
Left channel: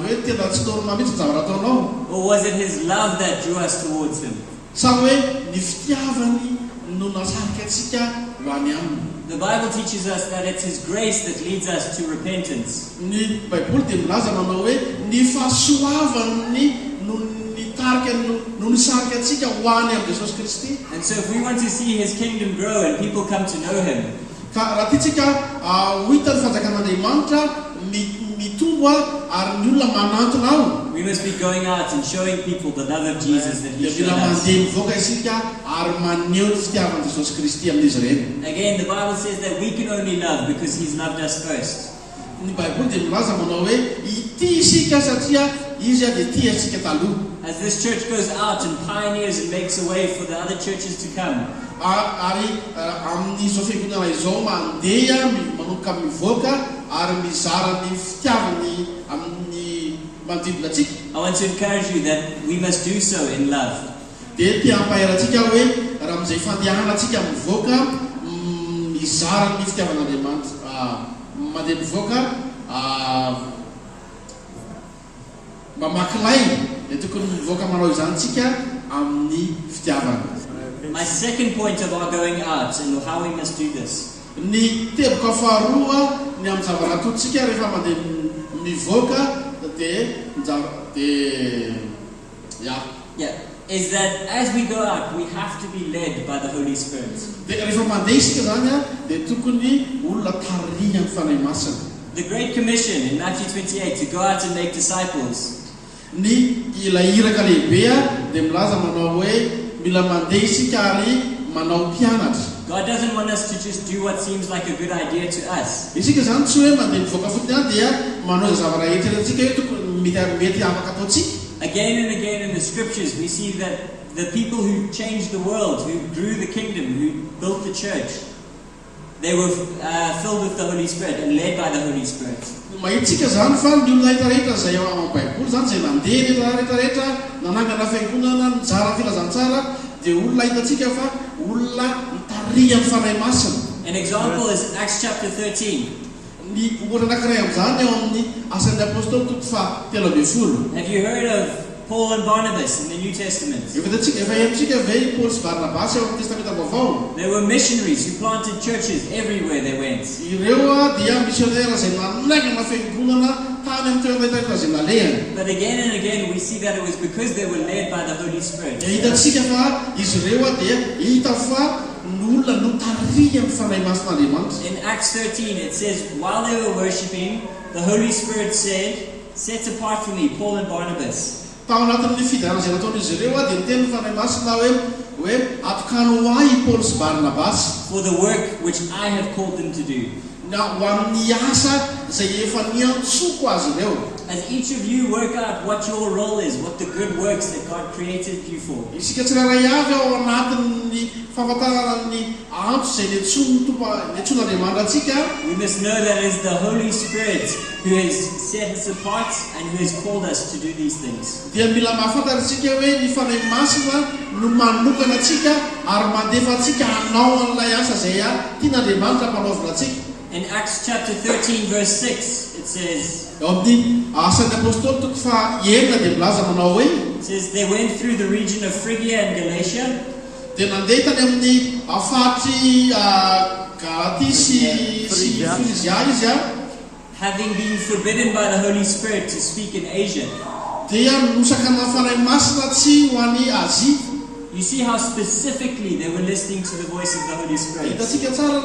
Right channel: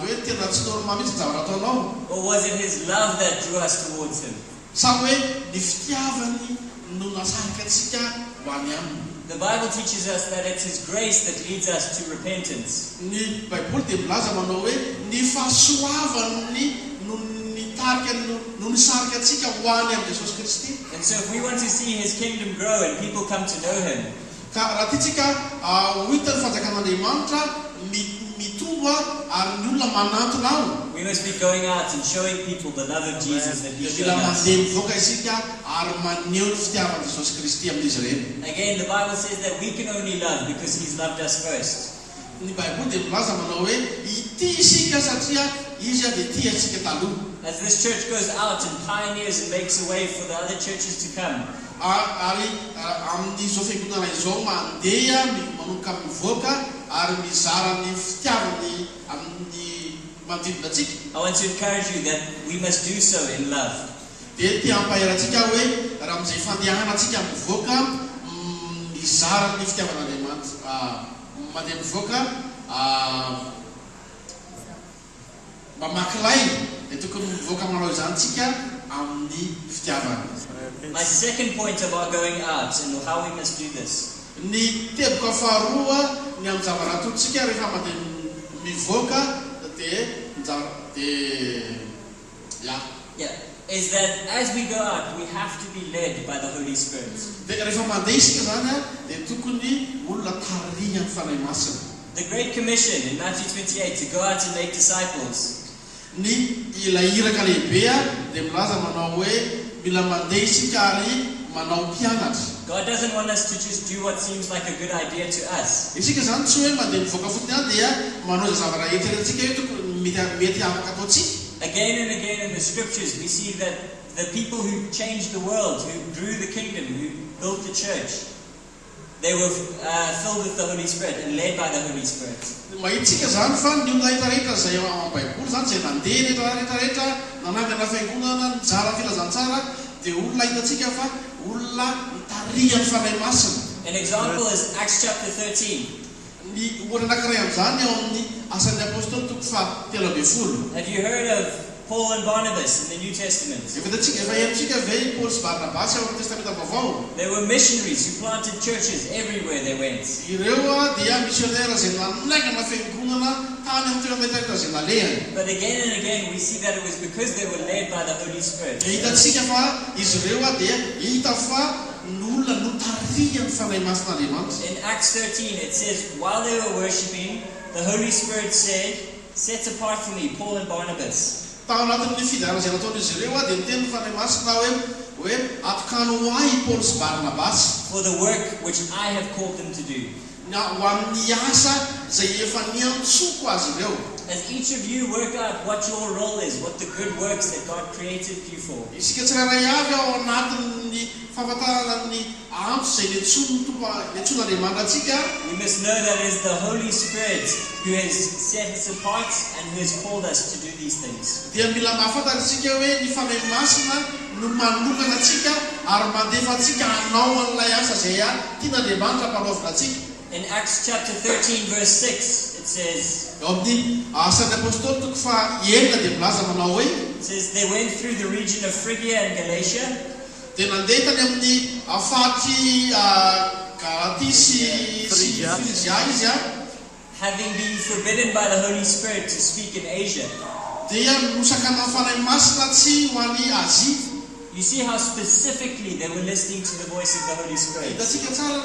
hoe tena tsy normal mihitsy ny zavatra ataonao. Or was it his love that drew us towards him? Sa hoe ny fitiavany no nasarika atsika any aminy. The Bible teaches us that it's his grace that leads us to repentance. Ny Baiboly dia milaza manao hoe ny fahasoavany no nitarika no nisarika atsika ho any amin'ny Jesosy Kristy. And so if we want to see his kingdom grow and people come to know him, ka raha tiatsika ho hita ny fanjakan'Andriamanitra mitombo ary ny olona manantona ao. we must be going out and showing people the love of Jesus that he showed Mila us. mandeha mivoaka isika ary maneho ny fitiavan'i Jesosy Kristy amin'izy ireny. Again, the Bible says that we can only love because he's loved us first. Ny Baiboly dia milaza manao hoe ity isika satria izy dia tia antsika taloha. As this church goes out and pioneers and makes a way for the other churches to come, Ary amin'izao fiangonana izao mandeha manomboka mivoaka ary mizara ny fitiavany amin'ny manodidina atsika. I want to encourage you that we must do so in love. Dia tia hampaherantsika hoe raha amin'izay fandehana atsika mivoaka mizara ny fitiavan'Andriamanitra mandeha mivoaka mamaky lainy dia tokony mivoaka manao izany tsika amin'ny fitiavana. My second point of our going out and how we must do this Ny teboka faharoa ny amin'ny zavatra ataontsika rehefa mandeha mivoaka is that as we go out, we have to be led by the Holy Spirit. Dia rehefa mandeha isika zany dia tokony olona tarihany fanahy masina. The Great Commission in Matthew 28 to go out and make disciples. Ny ilay iraka lehibe dia milaza manao hoe mila mandeha isika ary manao mpianatra. God doesn't want us to just do what seems like a good idea to us. Isika zany tsy hoe mandeha mivoaka fotsiny dia manao izay zavatra eritreretintsika hoe tokony mety afaka ataontsika. Again and again in the scriptures, we see that the people who changed the world, who grew the kingdom, who built the church, they were filled with the Holy Spirit and led by the Holy Spirit. Mahitsika zany fa ny olona rehetrarehetra izay ao amin'ny Baiboly zany izay nandeha rehetrarehetra nanangana fiangonana nizara filazantsara dia olona hitantsika fa olona mitarihany fanahy masina. An example is Acts chapter 13. Ny ohatra anankiray amin'izany eo amin'ny Asan'ny Apôstôly toko fahatelo ambin'ny folo. Have you heard of Paul and Barnabas in the New Testament? Efa henontsika ve Paul sy Barnabas eo amin'ny Testamenta Vaovao? They were missionaries who planted churches everywhere they went. Ireo dia misionnaire izay nanangana fiangonana tany amin'ny toerana rehetrarehetra izay nalehany. But again and again we see that it was because they were led by the Holy Spirit. Hitantsika fa izy ireo dia hita fa n'olona no tarihany fanahy masin'Andriamanitra. In Acts 13 it says, while they were worshipping, the Holy Spirit said, set apart for me Paul and Barnabas. Tao anatin'ny fidarana izay nataon'izy ireo dia niteny fanahy masina hoe atokano ahy Paul sy Barnabas for the work which I have called them to do. Na ho amin'ny asa izay efa niantsoko azy ireo. As each of you work out what your role is, what the good works that God created you for. Isika tsirairay avy ao anatin'ny fahafantarana ny antso izay niantson'Andriamanitra atsika. We must know that it is the Holy Spirit who has set us apart and who has called us to do these things. Dia mila mahafantatra isika hoe ny fanahy masina no manokana atsika ary mandefa atsika hanao an'ilay asa izay tian'Andriamanitra mpanaovina atsika. In Acts chapter 13 verse 6 it says, Eo amin'ny Asan'ny Apôstôly toko fahaenina dia milaza manao hoe it says they went through the region of Phrygia and Galatia. dia nandeha tany amin'ny fahatry Galatia sy Frizia izy having been forbidden by the Holy Spirit to speak in Asia. dia nosakana fanahy masina tsy ho an'ny Azia. You see how specifically they were listening to the voice of the Holy Spirit. Hitantsika tsara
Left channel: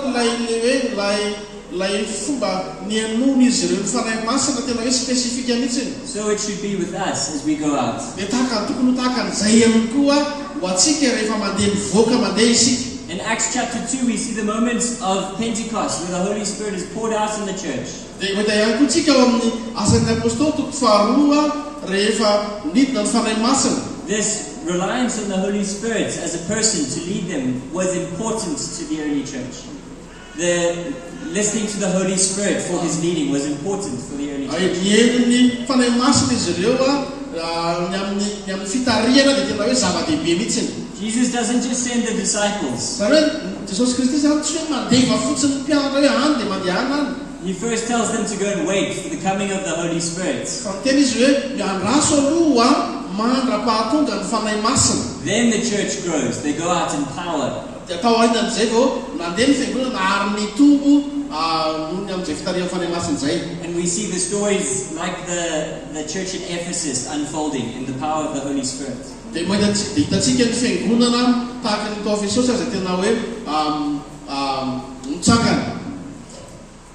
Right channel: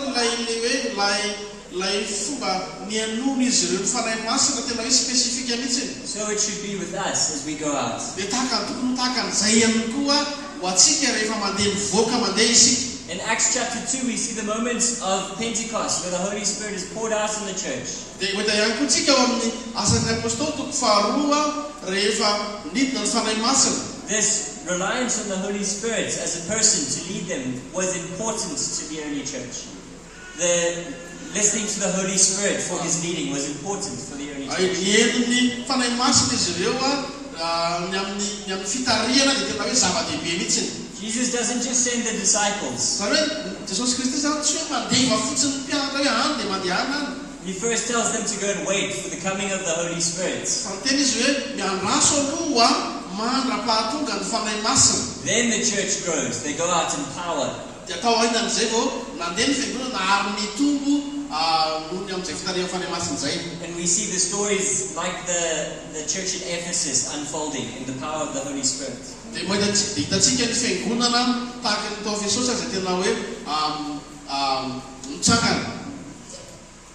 lay fomba nianono izy ireo fanahy masina tena hoe spesifika mihitsy. So it should be with us as we go out. Dia tokony tahaka an'izay ihany koa ho antsika rehefa mandeha mivoaka mandeha isika. In Acts chapter 2, we see the moments of Pentecost where the Holy Spirit is poured out in the church. Dia mahita ihany koa tsika ao amin'ny asan'ny apôstôly toko faharoa rehefa nidina ny fanahy masina. This reliance on the Holy Spirit as a person to lead them was important to the early church. The listening to the Holy Spirit for His leading was important for the early church. Ny fanahy masina izy ireo ny amin'ny fitariana dia tena hoe zava-dehibe mihitsy. Jesus doesn't just send the disciples. Zany hoe Jesosy Kristy zany tsy hoe mandeva fotsiny ny mpianatra hoe any dia mandehana any. He first tells them to go and wait for the coming of the Holy Spirit. Fa ny tena izy hoe miandraso aloha mandra-pahatonga ny fanahy masina. Then the church grows. They go out in power. Dia atao ahinan'izay vao nandeha ny fiangonana ary mitombo noho ny amin'izay fitariana fanahy masina izay. And we see the stories like the church in Ephesus unfolding in the power of the Holy Spirit. Dia hitantsika ny fiangonana tahaka ny tao Efesosy izay tena hoe mitsangana.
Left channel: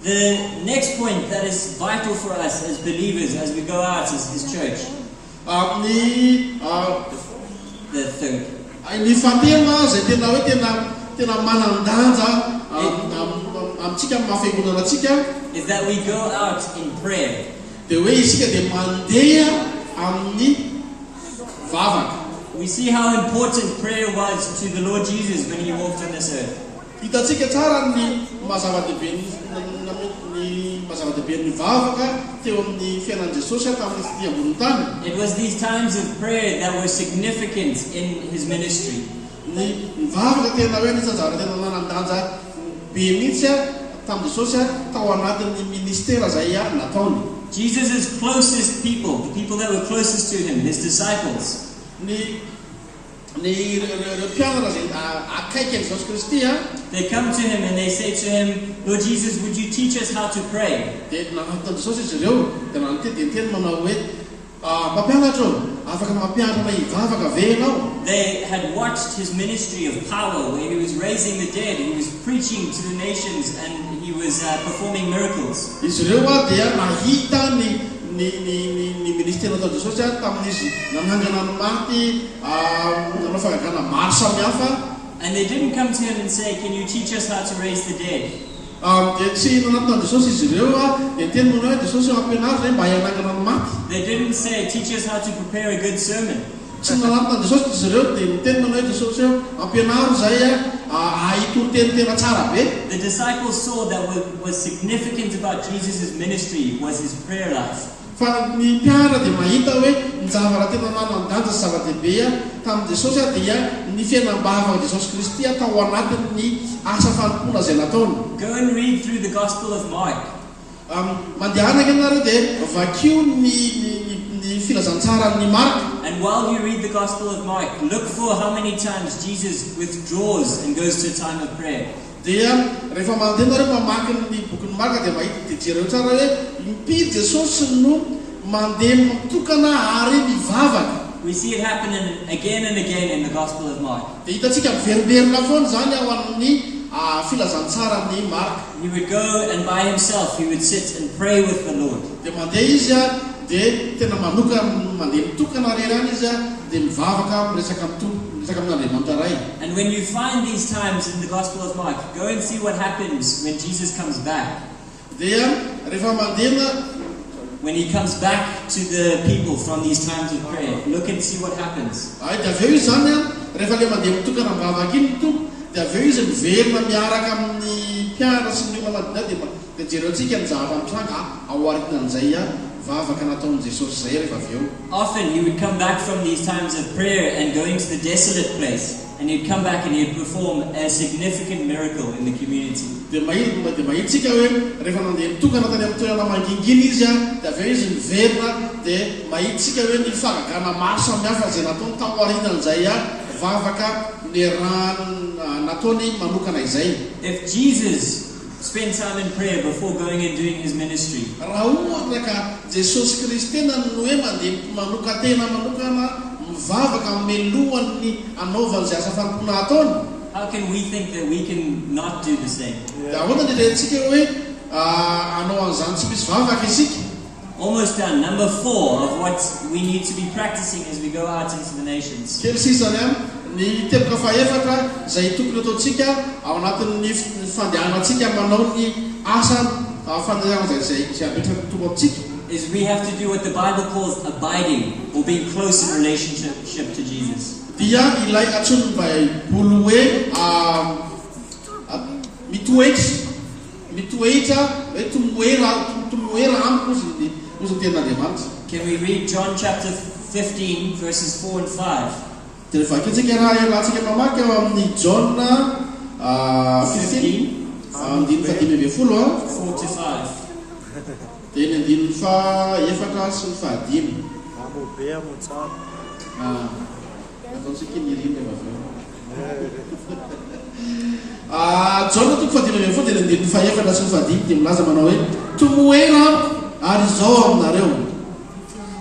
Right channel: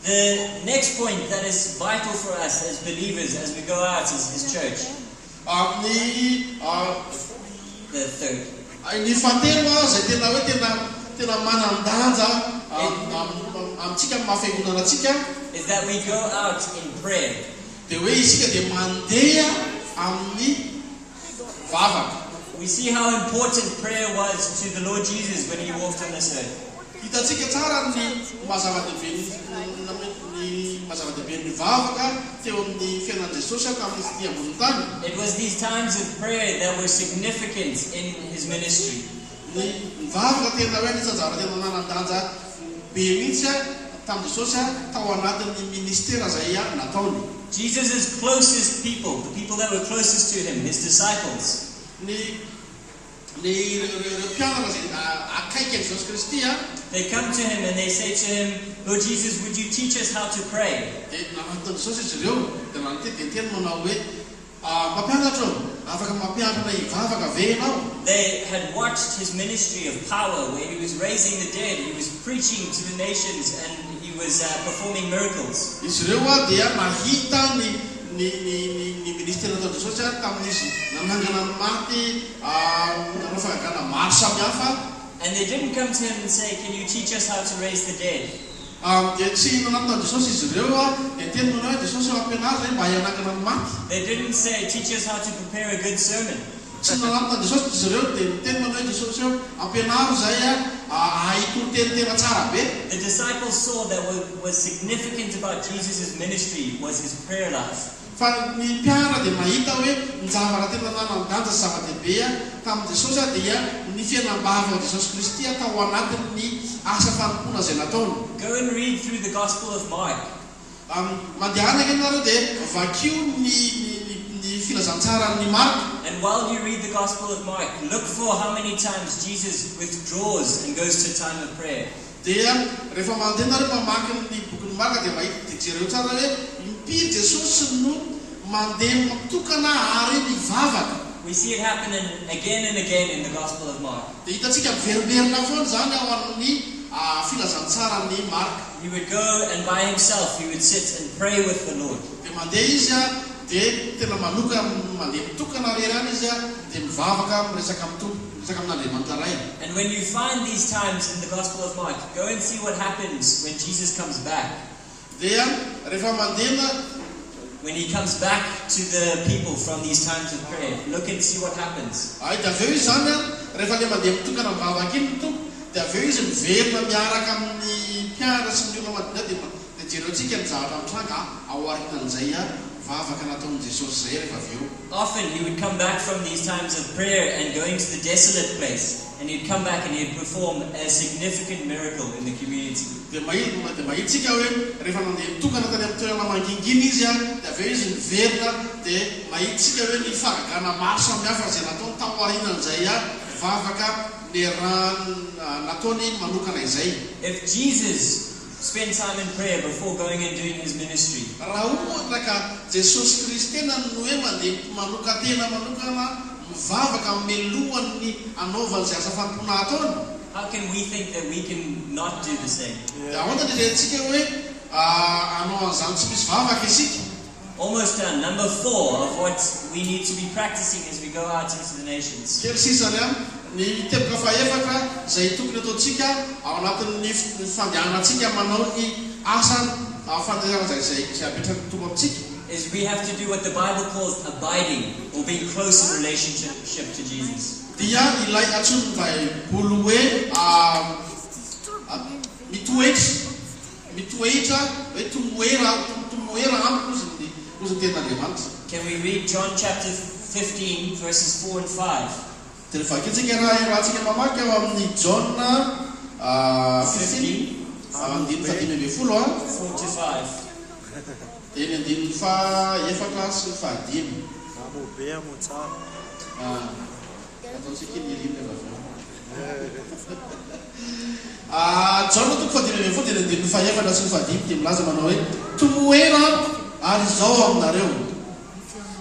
The next point that is vital for us as believers as we go out is church. The third. Ny fahatelo izay tena hoe tena manan-danja amintsika amin'ny maha-fiangonanatsika Is that we go out in prayer. dia hoe isika dia mandeha amin'ny vavaka. We see how important prayer was to the Lord Jesus when He walked on this earth. Hitantsika tsara ny mazava-dehibe ny vavaka teo amin'ny fiainan'i Jesosy tamin'ny ity ambony tany. It was these times of prayer that were significant in His ministry. Ny vavaka tena hoe anisany zavatra tena manan-danja be mihitsy tamin'i Jesosy tao anatin'ny ministera izay nataony. Jesus' closest people, the people that were closest to Him, His disciples, Ny mpianatra izay akaiky Jesosy Kristy they come to Him and they say to Him, Lord Jesus, would you teach us how to pray? dia nanantona Jesosy izy ireo dia nanoteny manao hoe mampianatra afaka mampianatra hivavaka ve ianao? They had watched His ministry of power where He was raising the dead, He was preaching to the nations, and He was performing miracles. Izy ireo dia nahita ny ministera nataon'i Jesosy tamin'izy nanangana ny maty nanao fagagana maro samihafa. And they didn't come to Him and say, can you teach us how to raise the dead? Dia tsy nanatona Jesosy izy ireo dia teny manao hoe Jesosy ampianary zay mba hanangana ny maty. They didn't say, teach us how to prepare a good sermon. Tsy nanatona Jesosy izy ireo dia miteny manao hoe Jesosy ampianary zay ahitoro teny tsara be. The disciples saw that what was significant about Jesus' ministry was His prayer life. Fa ny mpianatra dia mahita hoe ny zavatra tena nanan-danja sy zava-dehibe tamin'i Jesosy dia ny fiainam-bavaka Jesosy Kristy tao anatin'ny asa fanompoana izay nataony. Go and read through the Gospel of Mark. Mandehanaka ianareo dia vakio ny filazantsara ny Marka. And while you read the Gospel of Mark, look for how many times Jesus withdraws and goes to a time of prayer. Dia rehefa mandeha nareo mamaky ny bokin'ny Marka dia mahita dia jereo tsara hoe impiry Jesosy no mandeha mitokana ary mivavaka. We see it happen again and again in the Gospel of Mark. Dia hitantsika miveriberina foana zany ao amin'ny filazantsara ny Marka. He would go and by himself he would sit and pray with the Lord. Dia mandeha izy dia tena mandeha mitokana rerana izy dia mivavaka miresaka amin'Andriamanitra ray. And when you find these times in the Gospel of Mark, go and see what happens when Jesus comes back. Dia rehefa mandeha when He comes back to the people from these times of prayer, look and see what happens. Dia aveo izy zany rehefa le mandeha mitokana mivavaka iny tompo dia aveo izy miverina miaraka amin'ny mpianatra sy ny olona madina dia jereontsika ny zavatra mitranga ao aritinan'izay vavaka nataon'i Jesosy zay rehefa aveo. Often He would come back from these times of prayer and going to the desolate place, and He'd come back and He'd perform a significant miracle in the community. Dia mahitsika hoe rehefa mandeha mitokana tany amin'ny toerana mangingina izy dia aveo izy miverina dia mahitsika hoe ny fagagana maro samihafa izay nataony tao aorianan'izay vavaka ny raha nataony manokana izay. If Jesus spent time in prayer before going and doing His ministry, raha ohatra ka Jesosy Kristy no hoe mandeha manokana mivavaka melohany anaovany zay asa fampona ataony. How can we think that we can not do the same? Dia ahoana ny rehantsika hoe anao an'izany tsy misy vavaka isika. Almost done. Number 4 of what we need to be practicing as we go out into the nations. Kely sisany ny teboka faefatra izay tokony ataontsika ao anatin'ny fandehanantsika manao ny asa fandehanana zay apetraka tombo amintsika. Is we have to do what the Bible calls abiding, or being close in relationship to Jesus. Dia ilay atsony Baiboly hoe mitoetra hoe tomoera amiko ozy tenin'Andriamanitra. Can we read John chapter 15 verses 4 and 5? Dia vakitsika rahatsika mamaky ao amin'ny John 15 4 to 5. dia ny andininy faefatra sy ny fahadimy. Amobe amo tsara. Ataontsika ny ririna vavao. John toko fahadimy dia ny andininy faefatra sy ny fahadimy dia milaza manao hoe tomoera ary izao aminareo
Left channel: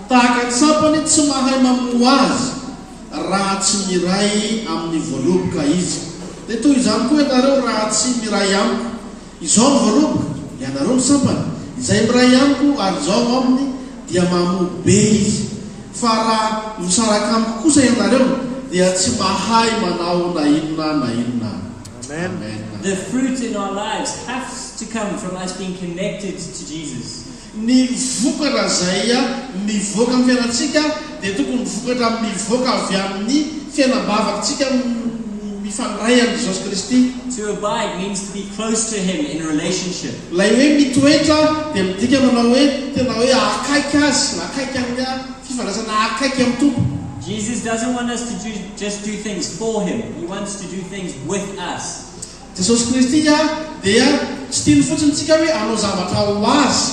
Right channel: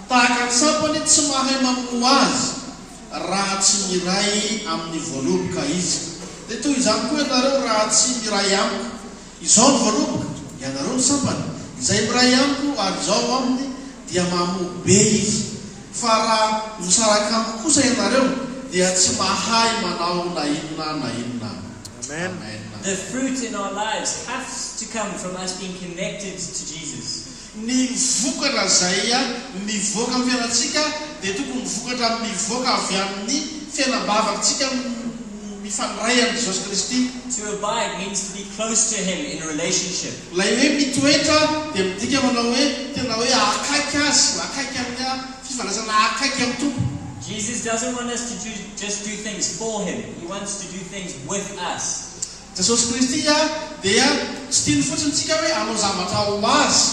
tahaka ny sampany tsy mahay mamoa azy raha tsy miray amin'ny voaloboka izy. Dia toy izany koa ianareo raha tsy miray amiko. Izao ny voaloboka, ianareo ny sampany. Izay miray amiko ary izao aminy dia mamobe izy. Fa raha misaraka amiko kosa ianareo dia tsy mahay manao na inona. Amen. The fruit in our lives has to come from us being connected to Jesus. Ny vokatra zay mivoaka amin'ny fiainantsika dia tokony vokatra mivoaka avy amin'ny fiainam-bavatsika mifandray amin'ny Jesosy Kristy. To abide means to be close to Him in relationship. Lay hoe mitoetra dia midika manao hoe tena hoe akaiky azy, akaiky amin'ny fifandraisana akaiky amin'ny Tompo. Jesus doesn't want us to just do things for Him. He wants to do things with us. Jesosy Kristy dia tsy tiany fotsiny tsika hoe anao zavatra ho azy,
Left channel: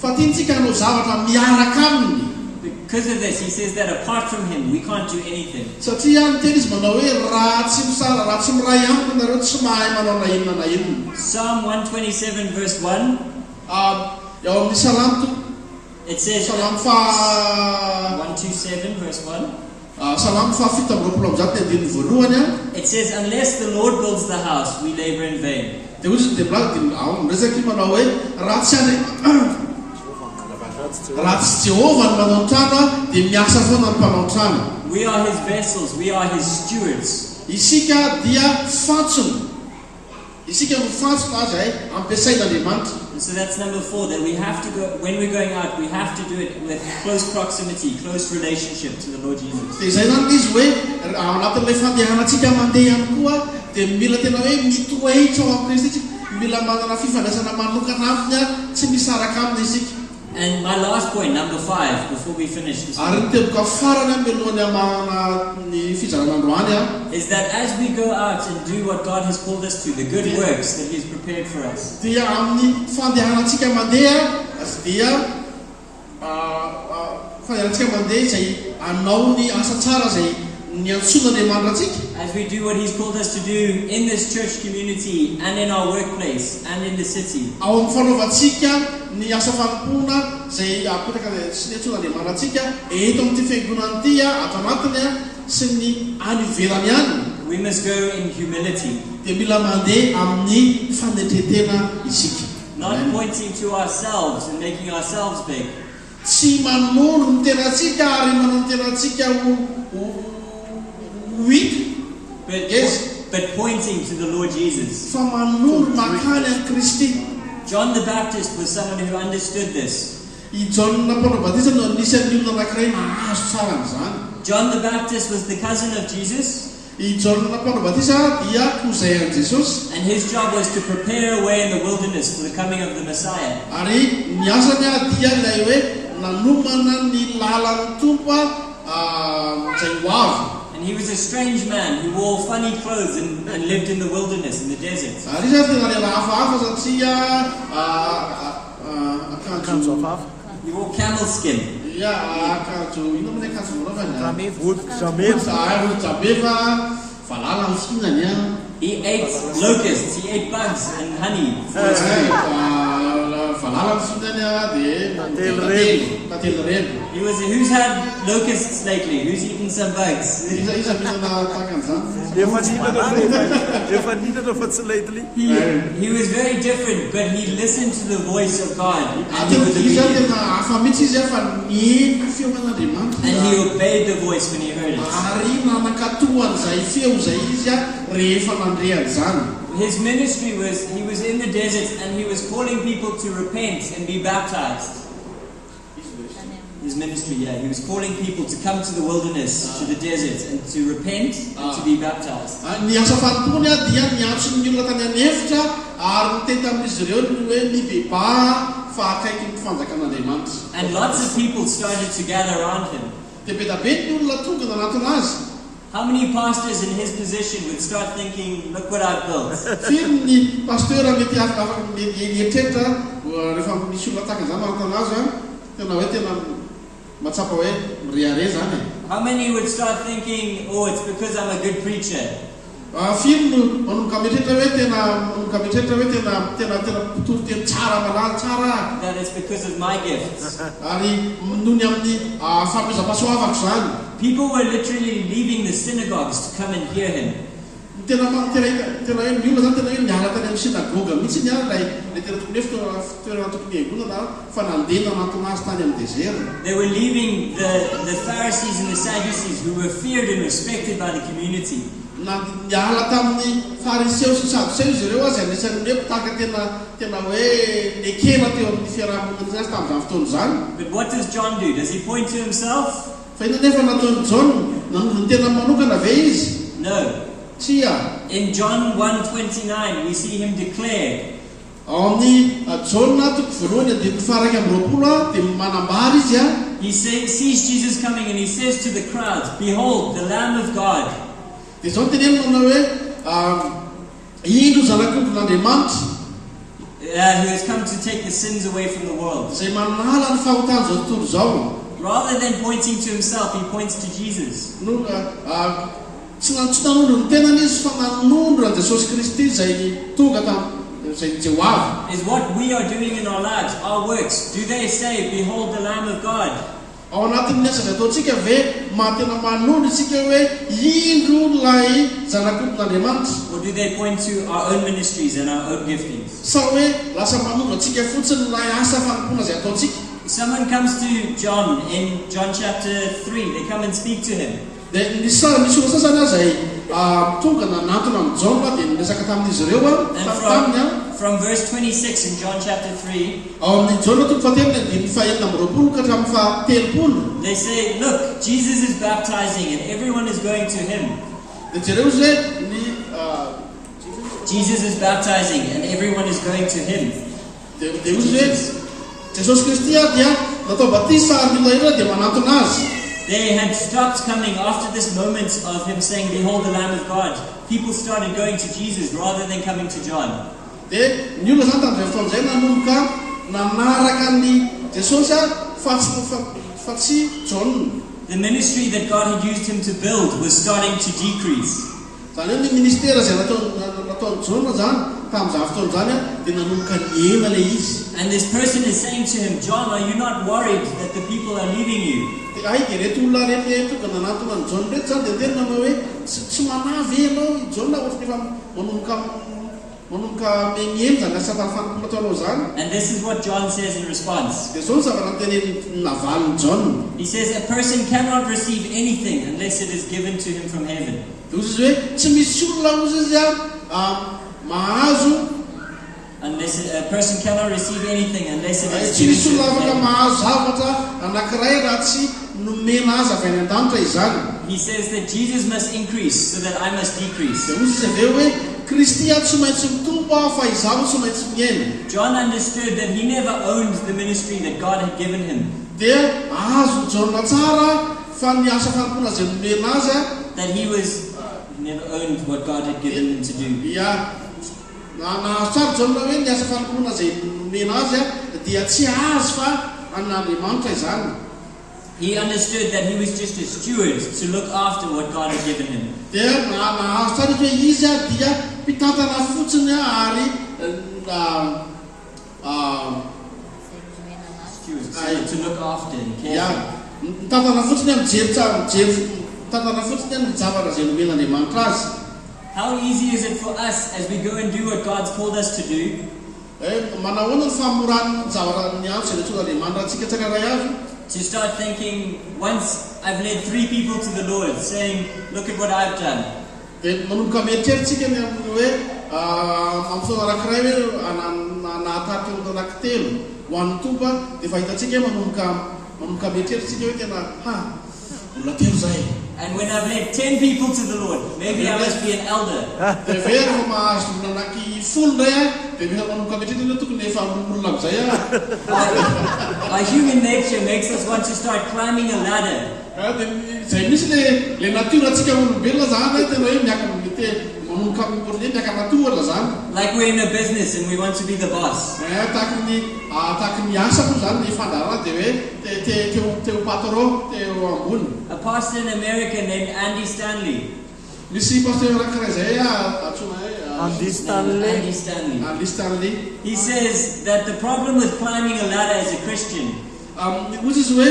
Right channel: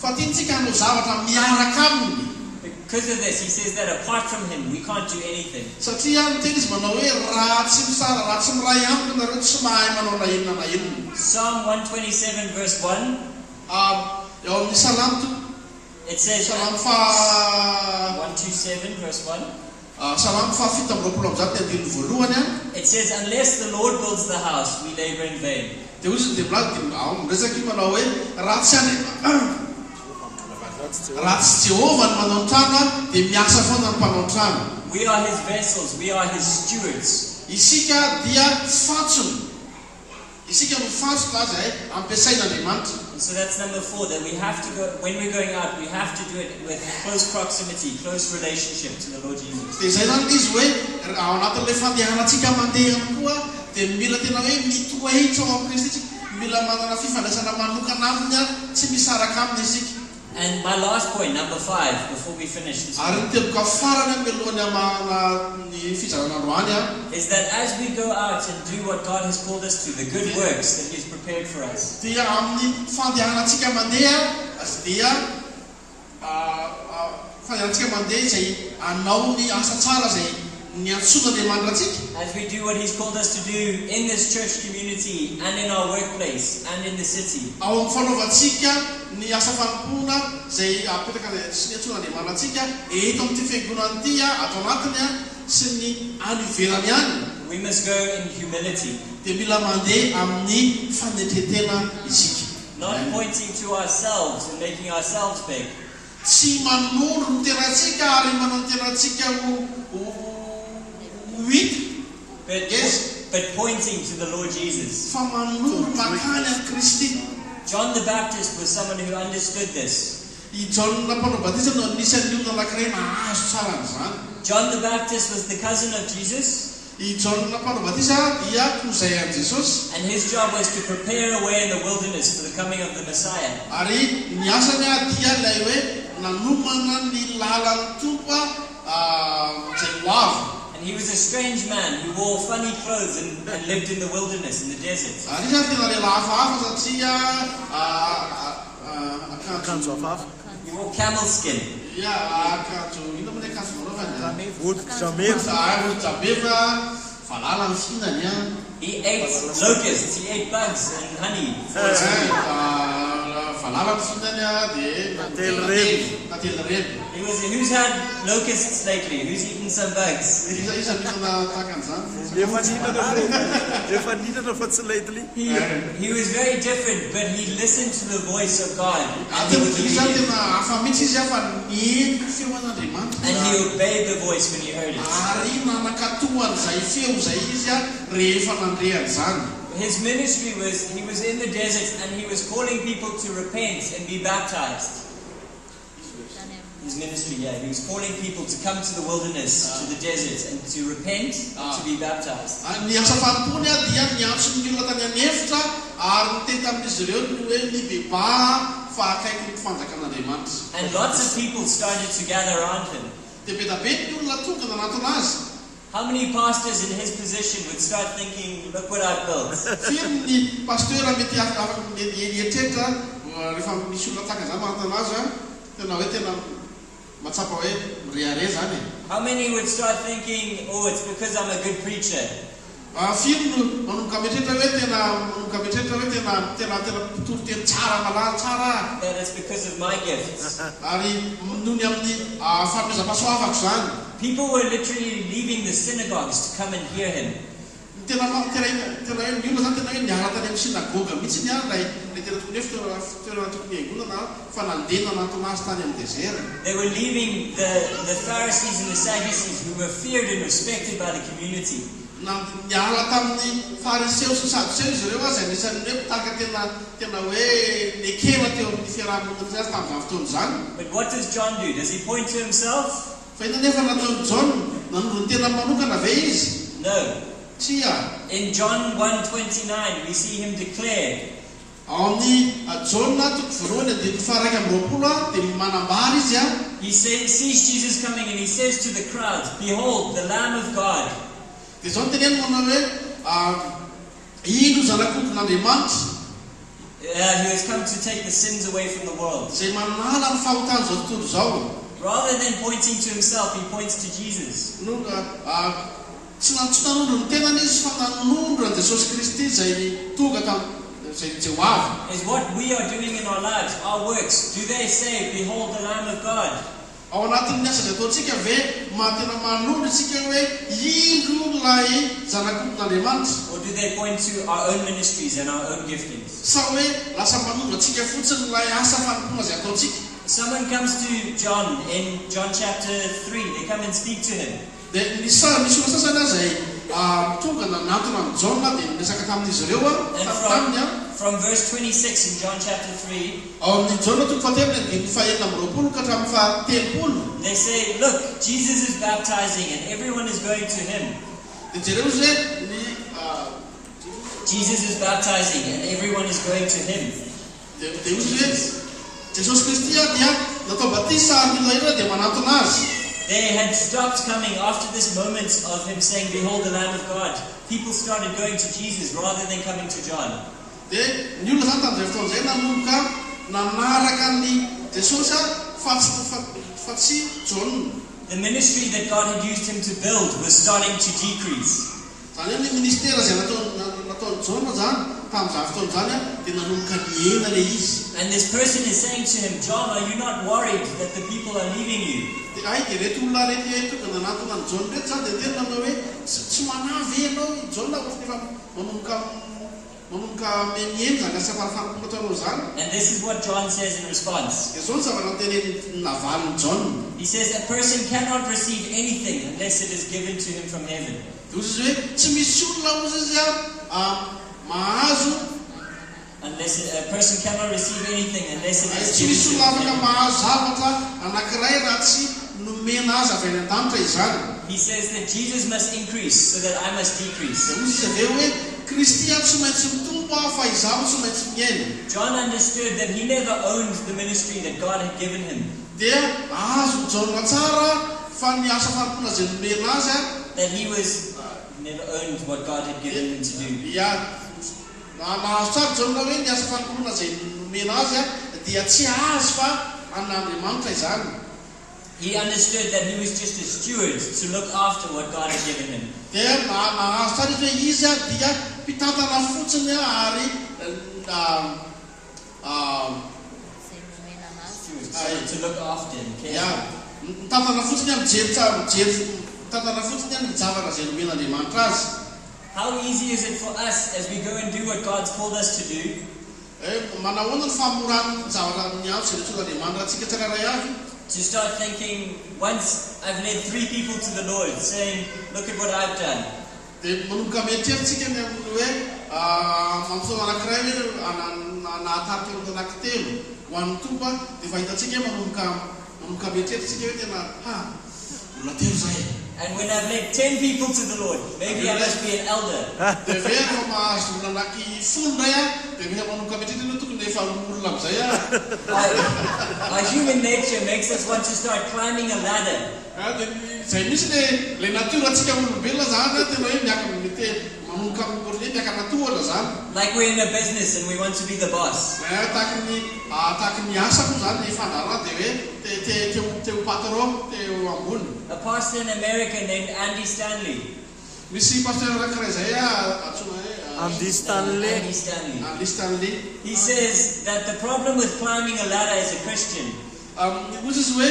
fa tiantsika anao zavatra miaraka aminy. Because of this, He says that apart from Him, we can't do anything. Satria ny teny izy manao hoe raha tsy misara, raha tsy miray amiko nareo tsy mahay manao na inona. Psalm 127 verse 1. Eo amin'ny Salamo It says, Salamo 127 verse 1. Salamo 7:20 It says, unless the Lord builds the house, we labor in vain. dia ozy dia miresaky manao hoe raha tsy Jehovah ny manao trano dia miasa foana ny mpanao trano. We are His vessels, we are His stewards. Isika dia fantsony. Isika mifantsona azy ampiasain'Andriamanitra. So that's number 4, that we have to go, when we're going out, we have to do it with close proximity, close relationship to the Lord Jesus. Dia izay zany izy hoe ao anatin'ilay fandehanantsika mandeha ihany koa dia mila tena hoe mitoetra ao amin'ny Kristy, mila manana fifandraisana manokana aminy tsy misaraka aminy isika. And my last point, number 5, before we finish this Ary ny teboka farany melohany amana ny fizaran'androany is that as we go out and do what God has called us to, the good works that He has prepared for us, dia amin'ny fandehanantsika mandeha dia fandehanantsika mandeha izay anao ny asa tsara zay ny antson'Andriamanitra atsika. as we do what He's called us to do in this church community and in our workplace and in the city, Ao amin'ny fanaovantsika ny asa fampona zay apetraka sy ny antson'Andriamanitra atsika eto amin'ity fiangonana ity ato anatiny sy ny any ivelany any, we must go in humility, dia mila mandeha amin'ny fanetretena isika. not pointing to ourselves and making ourselves big, Tsy manoro ny tenatsika ary manao ny tenatsika but pointing to the Lord Jesus. fa manoro makany a Kristy. John the Baptist was someone who understood this. I John Mpanao-Batisa no anisany olona anankiray nahazo tsara an'izany. John the Baptist was the cousin of Jesus, I John Mpanao-Batisa dia kozay an Jesosy, and his job was to prepare a way in the wilderness for the coming of the Messiah. ary ny asany dia ilay hoe nanomana ny lalan'ny Tompo zay ho avy. And he was a strange man who wore funny clothes and lived in the wilderness, in the desert. Ary izy tena lela hafahafa satria Akanjo hafahafa. He wore camel skin. akanjo ino moa ilay akanjo manaovany Vodin-jameva. valala ny fihinany He ate locusts, he ate bugs and honey. valala mahalala ny finany dia mately reny. Who's had locusts lately? Who's eaten some bugs? Iza mihinana tahaka an'izany. Efa nihinana fa tsy lately. He was very different, but he listened to the voice of God. And he, Iza tena hafa mihitsy izy fa mihaino feon'Andriamanitra. and he obeyed the voice when he heard it. Ary nanakatohan'izay feo zay izy rehefa nandrea izany. His ministry was, he was in the desert and he was calling people to repent and be baptized. His ministry, he was calling people to come to the wilderness, to the desert, and to repent and to be baptized. Ny asa fanontony dia niantso ny olona tany anefitra ary niteny amin'izy ireo ny hoe mibeba fahakaiky ny fanjakan'Andriamanitra. And lots of people started to gather around him. Dia be da be ny olona tonga nanatona azy. How many pastors in his position would start thinking, look what I've built? Firy ny pasteur mety afaka mietreritra rehefa misy olona tahaka izany manatona azy tena hoe tena matsapa hoe riare zany. How many would start thinking, oh, it's because I'm a good preacher? Firy no manomboka mietreritra hoe tena pitoro teny tsara malala tsara. That it's because of my gifts. Ary nohony amin'ny fanomezam-pahasoavako zany. People were literally leaving the synagogues to come and hear him. Tena hoe ny olona zany tena hoe niala tany amin'ny sinagoga mihitsy ny ala lay tena tokony hoe fitoerana tokony hiangonana fa nandeha nanantona azy tany amin'ny dezera. They were leaving the Pharisees and the Sadducees, who were feared and respected by the community. Niala tamin'ny fariseo sy sadoseo izy ireo azy anisan'ny hoe mpitaka tena hoe nekera teo amin'ny fiarahamonina azy tamin'izany fotoana zany. But what does John do? Does he point to himself? Fa ina nefa nataony John nanondro ny tena manokana ve izy? No. Tsia. In John 1:29, we see him declare. Ao amin'ny John toko voalohany dia faharaiky amby roapolo dia manambara izy He sees Jesus coming and he says to the crowd, behold, the Lamb of God. Dia zao teneno manao hoe indro zanak'ondron'Andriamanitra Who has come to take the sins away from the world. izay manala ny fahotana zao tontolo zao. Rather than pointing to himself, he points to Jesus. No tsy nanondro ny tenany izy fa nanondro an Jesosy Kristy izay tonga tamin'izay Jehovah. Is what we are doing in our lives, our works, do they say, behold the Lamb of God? Ao anatin'ny asa izay ataontsika ve tena manondro isika hoe indro lay zanak'ondron'Andriamanitra? Or do they point to our own ministries and our own giftings? Sa hoe lasa manondro atsika fotsiny lay asa fanompoana izay ataontsika? Someone comes to John in John chapter 3. They come and speak to him. Dia misy olona sasany izay tonga nanatona amin'ny John dia niresaka tamin'izy ireo taminy From verse 26 in John chapter 3, ao amin'ny John toko fahatelony dia fahaenina amby roapolo ka hatramin'ny fahatelopolo. they say, look, Jesus is baptizing and everyone is going to him. Dia jereo izy hoe ny Jesus is baptizing and everyone is going to him. dia izy hoe Jesosy Kristy dia natao batisa ary ny olona dia manatona azy. They had stopped coming after this moment of him saying, behold the Lamb of God. People started going to Jesus rather than coming to John. Dia ny olona zany tamin'izay fotoana izay nanomboka nanaraka ny Jesosy fa tsy John. The ministry that God had used him to build was starting to decrease. Zany hoe ny ministera izay nataony John zany tamin'izany fotoana zany dia nanomboka niena ilay izy. And this person is saying to him, John, are you not worried that the people are leaving you? Dia dia reto olona reto tonga nanatona ny John reto zany dia tena manao hoe tsy manavy ianao i John rehefa manomboka mihaino zany asa fanompoana ataonao zany. And this is what John says in response. Dia zao ny zavatra navaliny John. He says a person cannot receive anything unless it is given to him from heaven. Dia izy hoe tsy misy olona ozy izy mahazo. A person cannot receive anything unless it is Tsy misy given to olona him afaka from heaven. mahazo zavatra anankiray raha tsy nomena azy avy any an-danitra izany. He says that Jesus must increase so that I must decrease. Dia ozy izy aveo hoe Kristy tsy maintsy mitombo fa izaho tsy maintsy miaina. John understood that he never owned the ministry that God had given him. Dia azo John tsara fa ny asa fanompoana izay nomena azy That he never owned what God had given him to do. nahazo tsara John hoe ny asa fanompoana izay nomena azy dia tsy azy fa an'Andriamanitra izany. He understood that he was just a steward to look after what God had given him. Dia nahazo tsara hoe izy dia mpitantana fotsiny ary to look after and care. Ya, tanana fotsiny mijery tanana fotsiny ny zavatra izay nomen'Andriamanitra azy. How easy is it for us as we go and do what God's called us to do Manahoana ny famorany zavatra ny antso izay nitson'Andriamanitra antsika tsirairay avy to start thinking, once I've led 3 people to the Lord, saying, look at what I've done. dia manomboka mieritreritsika ny amin'ny hoe mampifotoana anankiray hoe nahatarika ny anankitelo ho an'ny tompa dia fa hitantsika manomboka mieritreritsika hoe tena olona telo zay. And when I've led 10 people to the Lord, maybe I must be an elder. dia ve rehefa mahazo olona anaky 10 indray dia mila manomboka mieritreritsika hoe tokony efa olona amin'izay Our human nature makes us want to start climbing a ladder. dia izay misy le natorantsika olombelona zany tena hoe miaka manomboka miaka natohana zany. Like we're in a business and we want to be the boss. tahaky ny asa koa zany ny fandarana dia hoe teo patron teo ambony. A pastor in America named Andy Stanley. Misy pasteur anankiray zay atsona hoe Andy Stanley. Andy Stanley. He says that the problem with climbing a ladder as a Christian Ozy izy hoe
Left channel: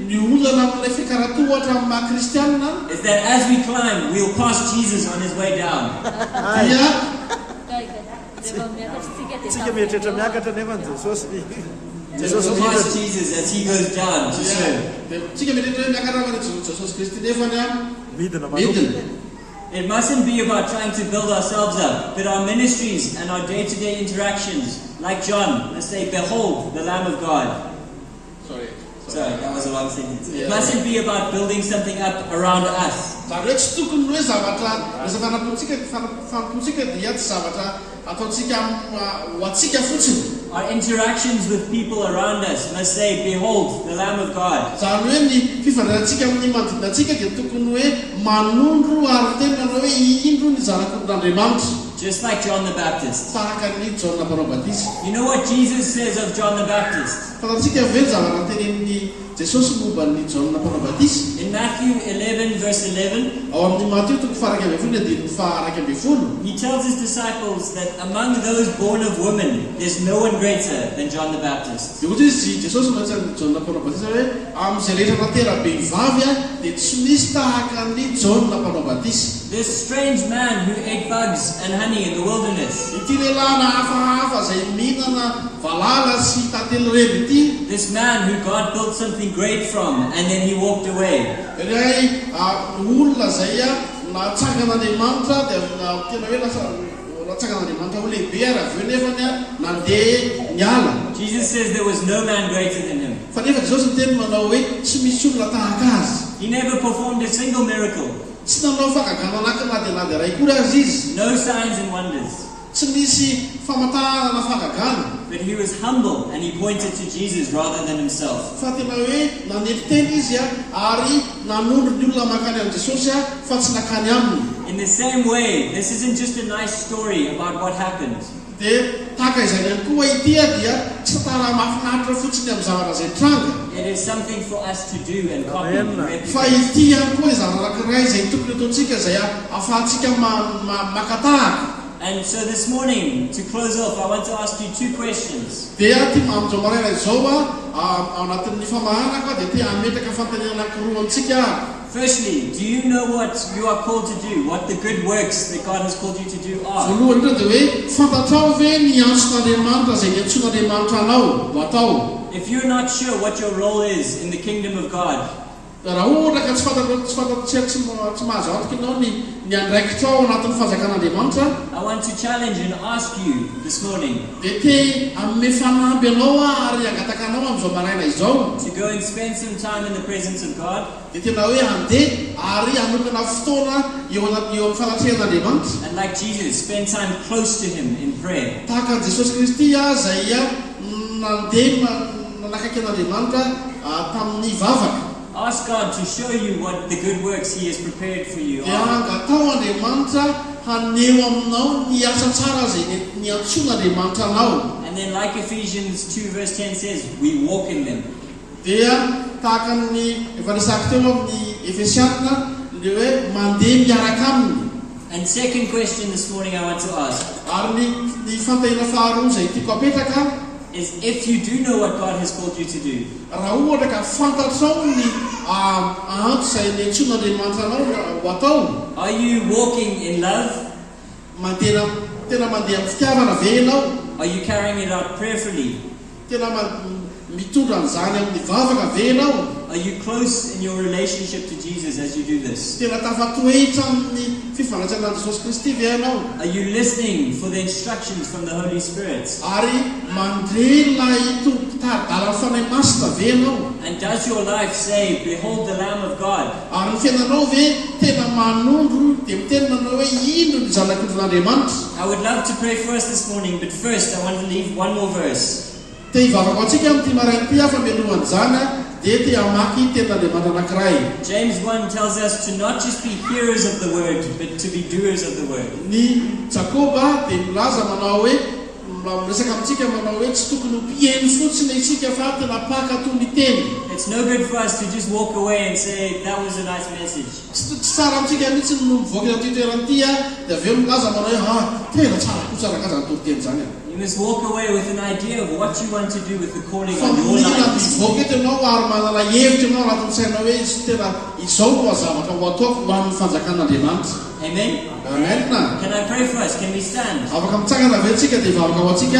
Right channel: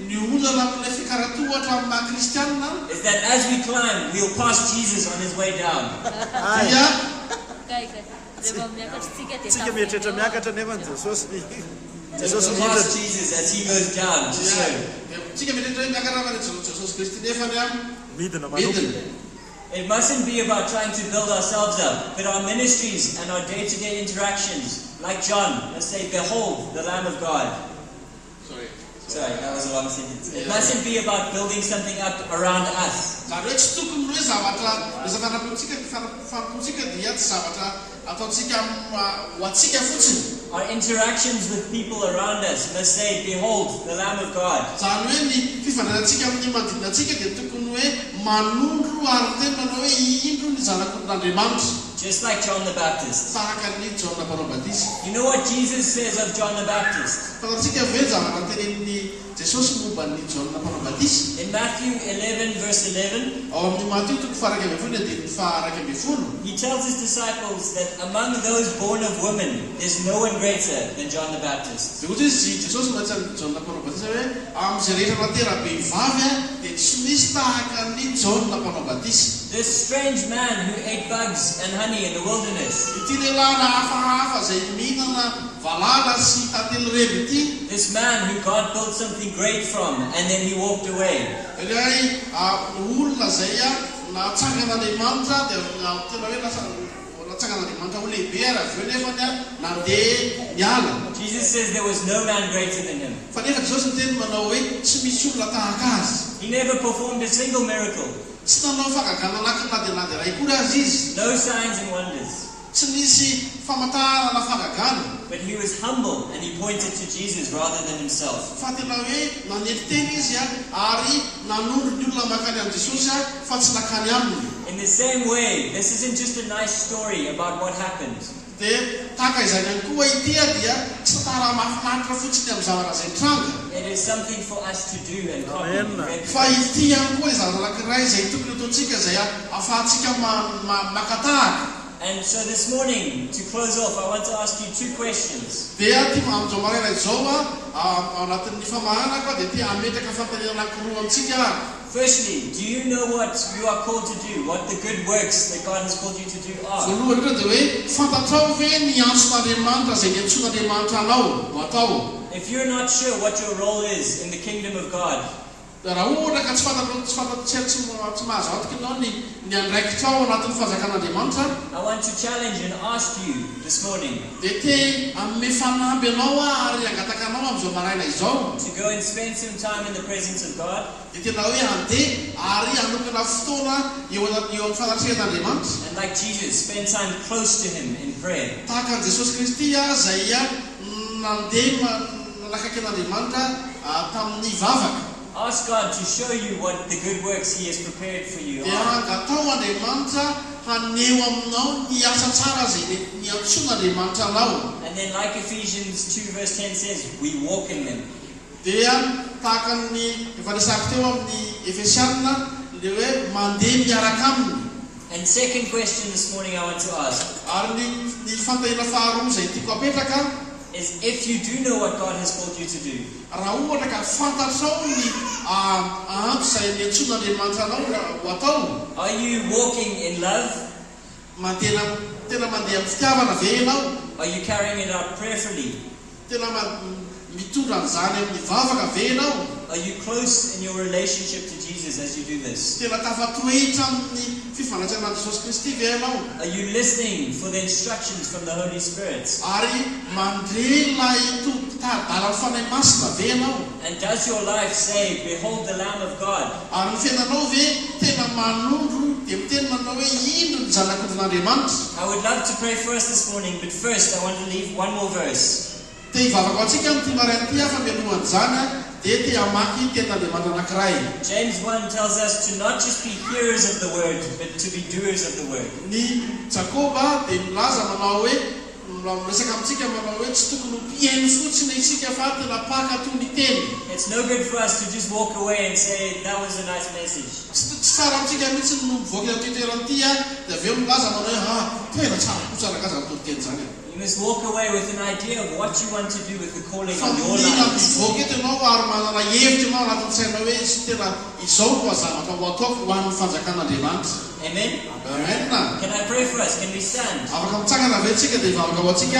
ny olana amin'ilay fikaratohatra amin'ny maha-kristianina is that as we climb, we'll pass Jesus on his way down. dia Tsika mieritreritra miakatra nefa ny Jesosy We'll pass Jesus as he goes down to serve. tsika mieritreritra hoe miakatra fa Jesosy Kristy nefany midina midina. It mustn't be about trying to build ourselves up, but our ministries and our day-to-day interactions, like John, let's say, behold the Lamb of God. Sorry, that was a long sentence. It mustn't be about building something up around us. zany hoe tsy tokony hoe zavatra rehefa fanampontsika dia tsy zavatra ataontsika ho atsika fotsiny. Our interactions with people around us must say, behold the Lamb of God. zany hoe ny fifandrarantsika amin'ny manodidina atsika dia tokony hoe manondro ary tena hoe indro ny zanak'Andriamanitra. Just like John the Baptist. tahaka ny Jona Mpanao-Batisa. You know what Jesus says of John the Baptist? Fatatsika ve zavatra tenenin'ny Jesosy momba ny Jona Mpanao-Batisa. In Matthew 11 verse 11, ao amin'ny Mateo toko faha 11, he tells his disciples that among those born of women, there's no one greater than John the Baptist. dia ohatra izy Jesosy maitsa ny Jona Mpanao-Batisa hoe amin'izay rehetra natera-behivavy dia tsy misy tahaka ny Jona Mpanao-Batisa. This strange man who ate bugs and honey in the wilderness, ity lelana hafahafa izay mihinana valala sy tantely reny ity. this man who God built something great from and then he walked away. Ray olona zay natsangan'Andriamanitra dia tena hoe natsangan'Andriamanitra ho lehibe ary avy eo nefany nandeha niala. Jesus says there was no man greater than him. Fa nefa Jesosy ny teny manao hoe tsy misy olona tahaka azy. He never performed a single miracle. Tsy nanao fagagana anaky ray koa azy izy. No signs and wonders. Tsy misy famantarana fagagana. But he was humble and he pointed to Jesus rather than himself. Fa tena hoe nanety teny izy ary nanondro ny olona makany amin'i Jesosy fa tsy nakany aminy. In the same way, this isn't just a nice story about what happened. Dia tahaka izany ihany koa ity dia tsy tara mahafinaritra fotsiny amin'ny zavatra izay tranga. It is something for us to do and copy and Fa replicate. ity ihany koa zavatra anankiray izay tokony ataontsika izay ahafahantsika makatahaka. And so this morning, to close off, I want to ask you 2 questions. Dia ty amin'izao maraina izao ao anatin'ny famahanaka dia ty ametaka fantaniana anankiroa amintsika. Firstly, do you know what you are called to do? What the good works that God has called you to do are? Voalohany indrindra dia hoe fantatrao ve ny antson'Andriamanitra izay niantson'Andriamanitra anao ho atao. If you're not sure what your role is in the kingdom of God, raha ohatra ka tsy mahazo antoka ianao ny andraikitrao anatin'ny fanjakan'Andriamanitra, I want to challenge and ask you this morning dia te amme fanampy ianao ary angataka anao amin'izao maraina izao to go and spend some time in the presence of God dia tena hoe andeha ary anokana fotoana eo amin'ny fanatrehan'Andriamanitra. and, like Jesus, spend time close to Him in prayer. Tahaka an'i Jesosy Kristy zay nandeha nanakaiky an'Andriamanitra tamin'ny vavaka. Ask God to show you what the good works He has prepared for you Dia are. angatao Andriamanitra haneho aminao ny asa tsara zay niantson'Andriamanitra anao. And then, like Ephesians 2 verse 10 says, we walk in them. Dia tahaka ny efa nisako teo amin'ny Efesianina dia hoe mandeha miaraka aminy. And second question this morning I want to ask. Ary ny fantahina faharoa izay tiako apetraka, is if you do know what God has called you to do, raha ohatra ka fantatrao ny antso izay niantsoan'Andriamanitra anao ho atao. are you walking in love? Tena mandeha amin'ny fitiavana ve ianao? Are you carrying it out prayerfully? Tena mitondra an'izany amin'ny vavaka ve ianao? Are you close in your relationship to Jesus as you do this? Tena tafatoetra amin'ny fifanajana Jesosy Kristy ve ianao? Are you listening for the instructions from the Holy Spirit? Ary mandre ilay dalany fanahy masina ve ianao? And does your life say, behold the Lamb of God? Ary ny fiainanao ve tena manondro dia miteny manao hoe ino ny zanak'Andriamanitra? I would love to pray first this morning, but first I want to leave one more verse. Te hivavaka antsika amin'ity marain'ity afa mialohan'izany dia te hamaky tenin'Andriamanitra anankiray. James 1 tells us to not just be hearers of the word, but to be doers of the word. Ny Jakoba dia milaza manao hoe miresaka amintsika manao hoe tsy tokony mpihaino fotsiny isika fa tena mpakatao miteny. It's no good for us to just walk away and say, that was a nice message. Tsy tsara amintsika mihitsy no mivoaka ity toerana ity dia aveo milaza manao hoe tena tsara kotsaraka aza ny teny izany. You must walk away with an idea of what you want to do with the calling Fa on your mila life. mivoaka eto ianao ary manana hevitra ianao anatin'ny saina hoe tsy tena izao no zavatra ho ataoko ho an'ny fanjakan'Andriamanitra. Amen? Amen. Can I pray for us? Can we stand? Afaka mitsangana ve tsika dia hivavaka ho antsika.